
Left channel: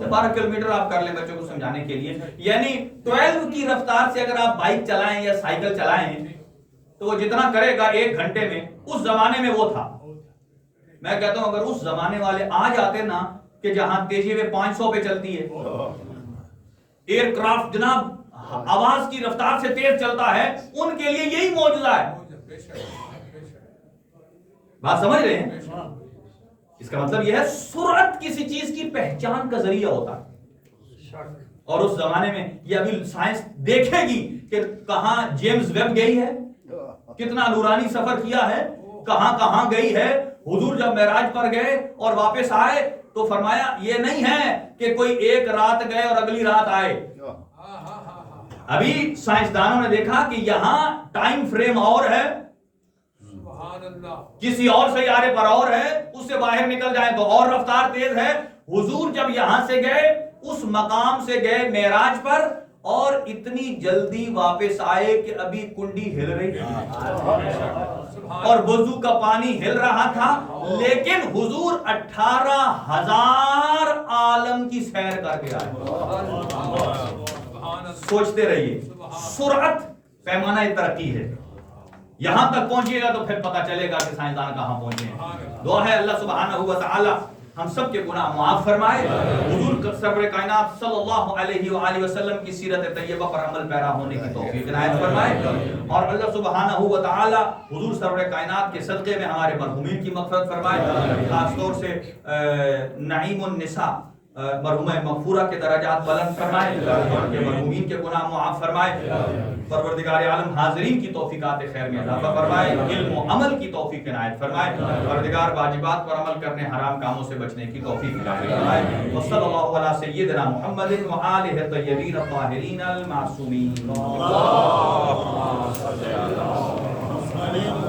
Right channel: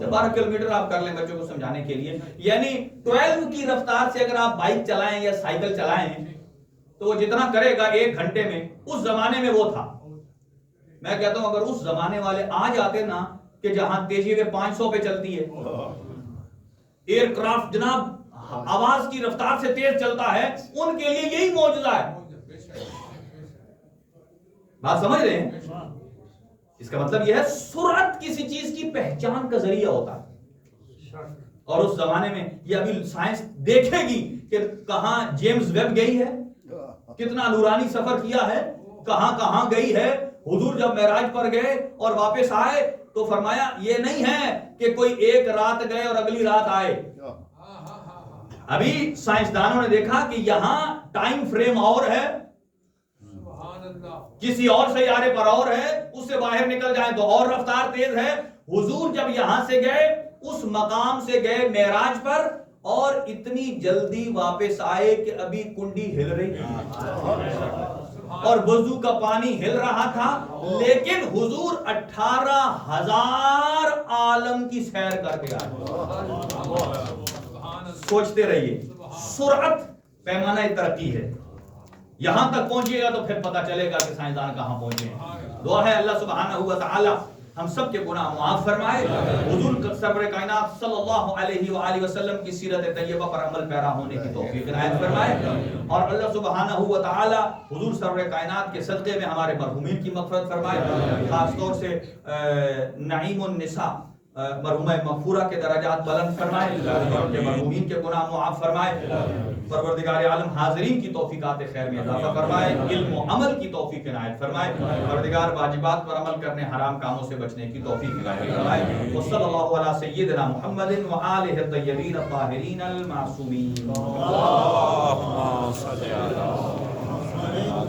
12 کلومیٹر آپ کر لیں بچوں کو سمجھانے کے لیے. یعنی 12 کی رفتار سے اگر آپ بائک چلائیں یا سائیکل چلائیں تو وہ جتنا کرے گا 1 گھنٹے میں، اس زمانے میں وہ تھا. میں کہتا ہوں اگر اس زمانے والے آ جاتے نا کہ جہاں تیزی میں 500 پہ چلتی ہے، ایئر کرافٹ جناب آواز کی رفتار سے تیز چلتا ہے، ان کے لیے یہی معجزہ ہے. بات سمجھ رہے ہیں؟ اس کا مطلب یہ ہے سرعت کسی چیز کی پہچان کا ذریعہ ہوتا ہے. اور اس زمانے میں یہ ابھی سائنس دیکھے گی کہ کہاں جیمز ویب گئی ہے، کتنا نورانی سفر کیا ہے، کہاں کہاں گئی ہے. حضور جب معراج پر گئے اور واپس آئے تو فرمایا یہ نہیں ہے کہ کوئی ایک رات گئے اور اگلی رات آئے. ابھی سائنسدانوں نے دیکھا کہ یہاں ٹائم فریم اور ہے، کسی اور سیارے پر اور ہے، اس سے باہر نکل جائیں تو اور رفتار تیز ہے. حضور جب یہاں سے گئے، اس مقام سے گئے معراج پر، اور اتنی جلدی واپس آئے کہ ابھی کنڈی ہل رہی اور وضو کا پانی ہل رہا تھا، لیکن حضور 18,000 عالم کی سیر کر کے آئے. سوچتے رہیے، سرعت پیمانہ ترقی ہے. یہاں تک پہنچیے گا تو پھر پتہ چلے گا کہ سائنسدان کہاں پہنچے ہیں. دعا ہے اللہ سبحانہ و تعالی ہم سب کے گناہ معاف فرمائے، حضور سرور کائنات صلی اللہ علیہ وآلہ وسلم کی سیرت طیبہ پر عمل پیرا ہونے کی توفیق عنایت فرمائے، اور اللہ سبحانہ و تعالی حضور سرور کائنات کے صدقے میں ہمارے مرحومین کی مغفرت فرمائے. خاص طور سے نعیم النساء مرحومہ مغفورہ کے درجات بلند فرمائے، اور کے مرحومین کے گناہ معاف فرمائے. پروردگار عالم حاضرین کی توفیقات خیر میں اضافہ فرمائے، علم و عمل کی توفیق عنایت فرمائے. پروردگار واجبات پر عمل کرنے، حرام کاموں سے بچنے کی توفیق عنایت فرمائے. وصلی اللہ علی سیدنا محمد و آلہ الطیبین الطاہرین المعصومین.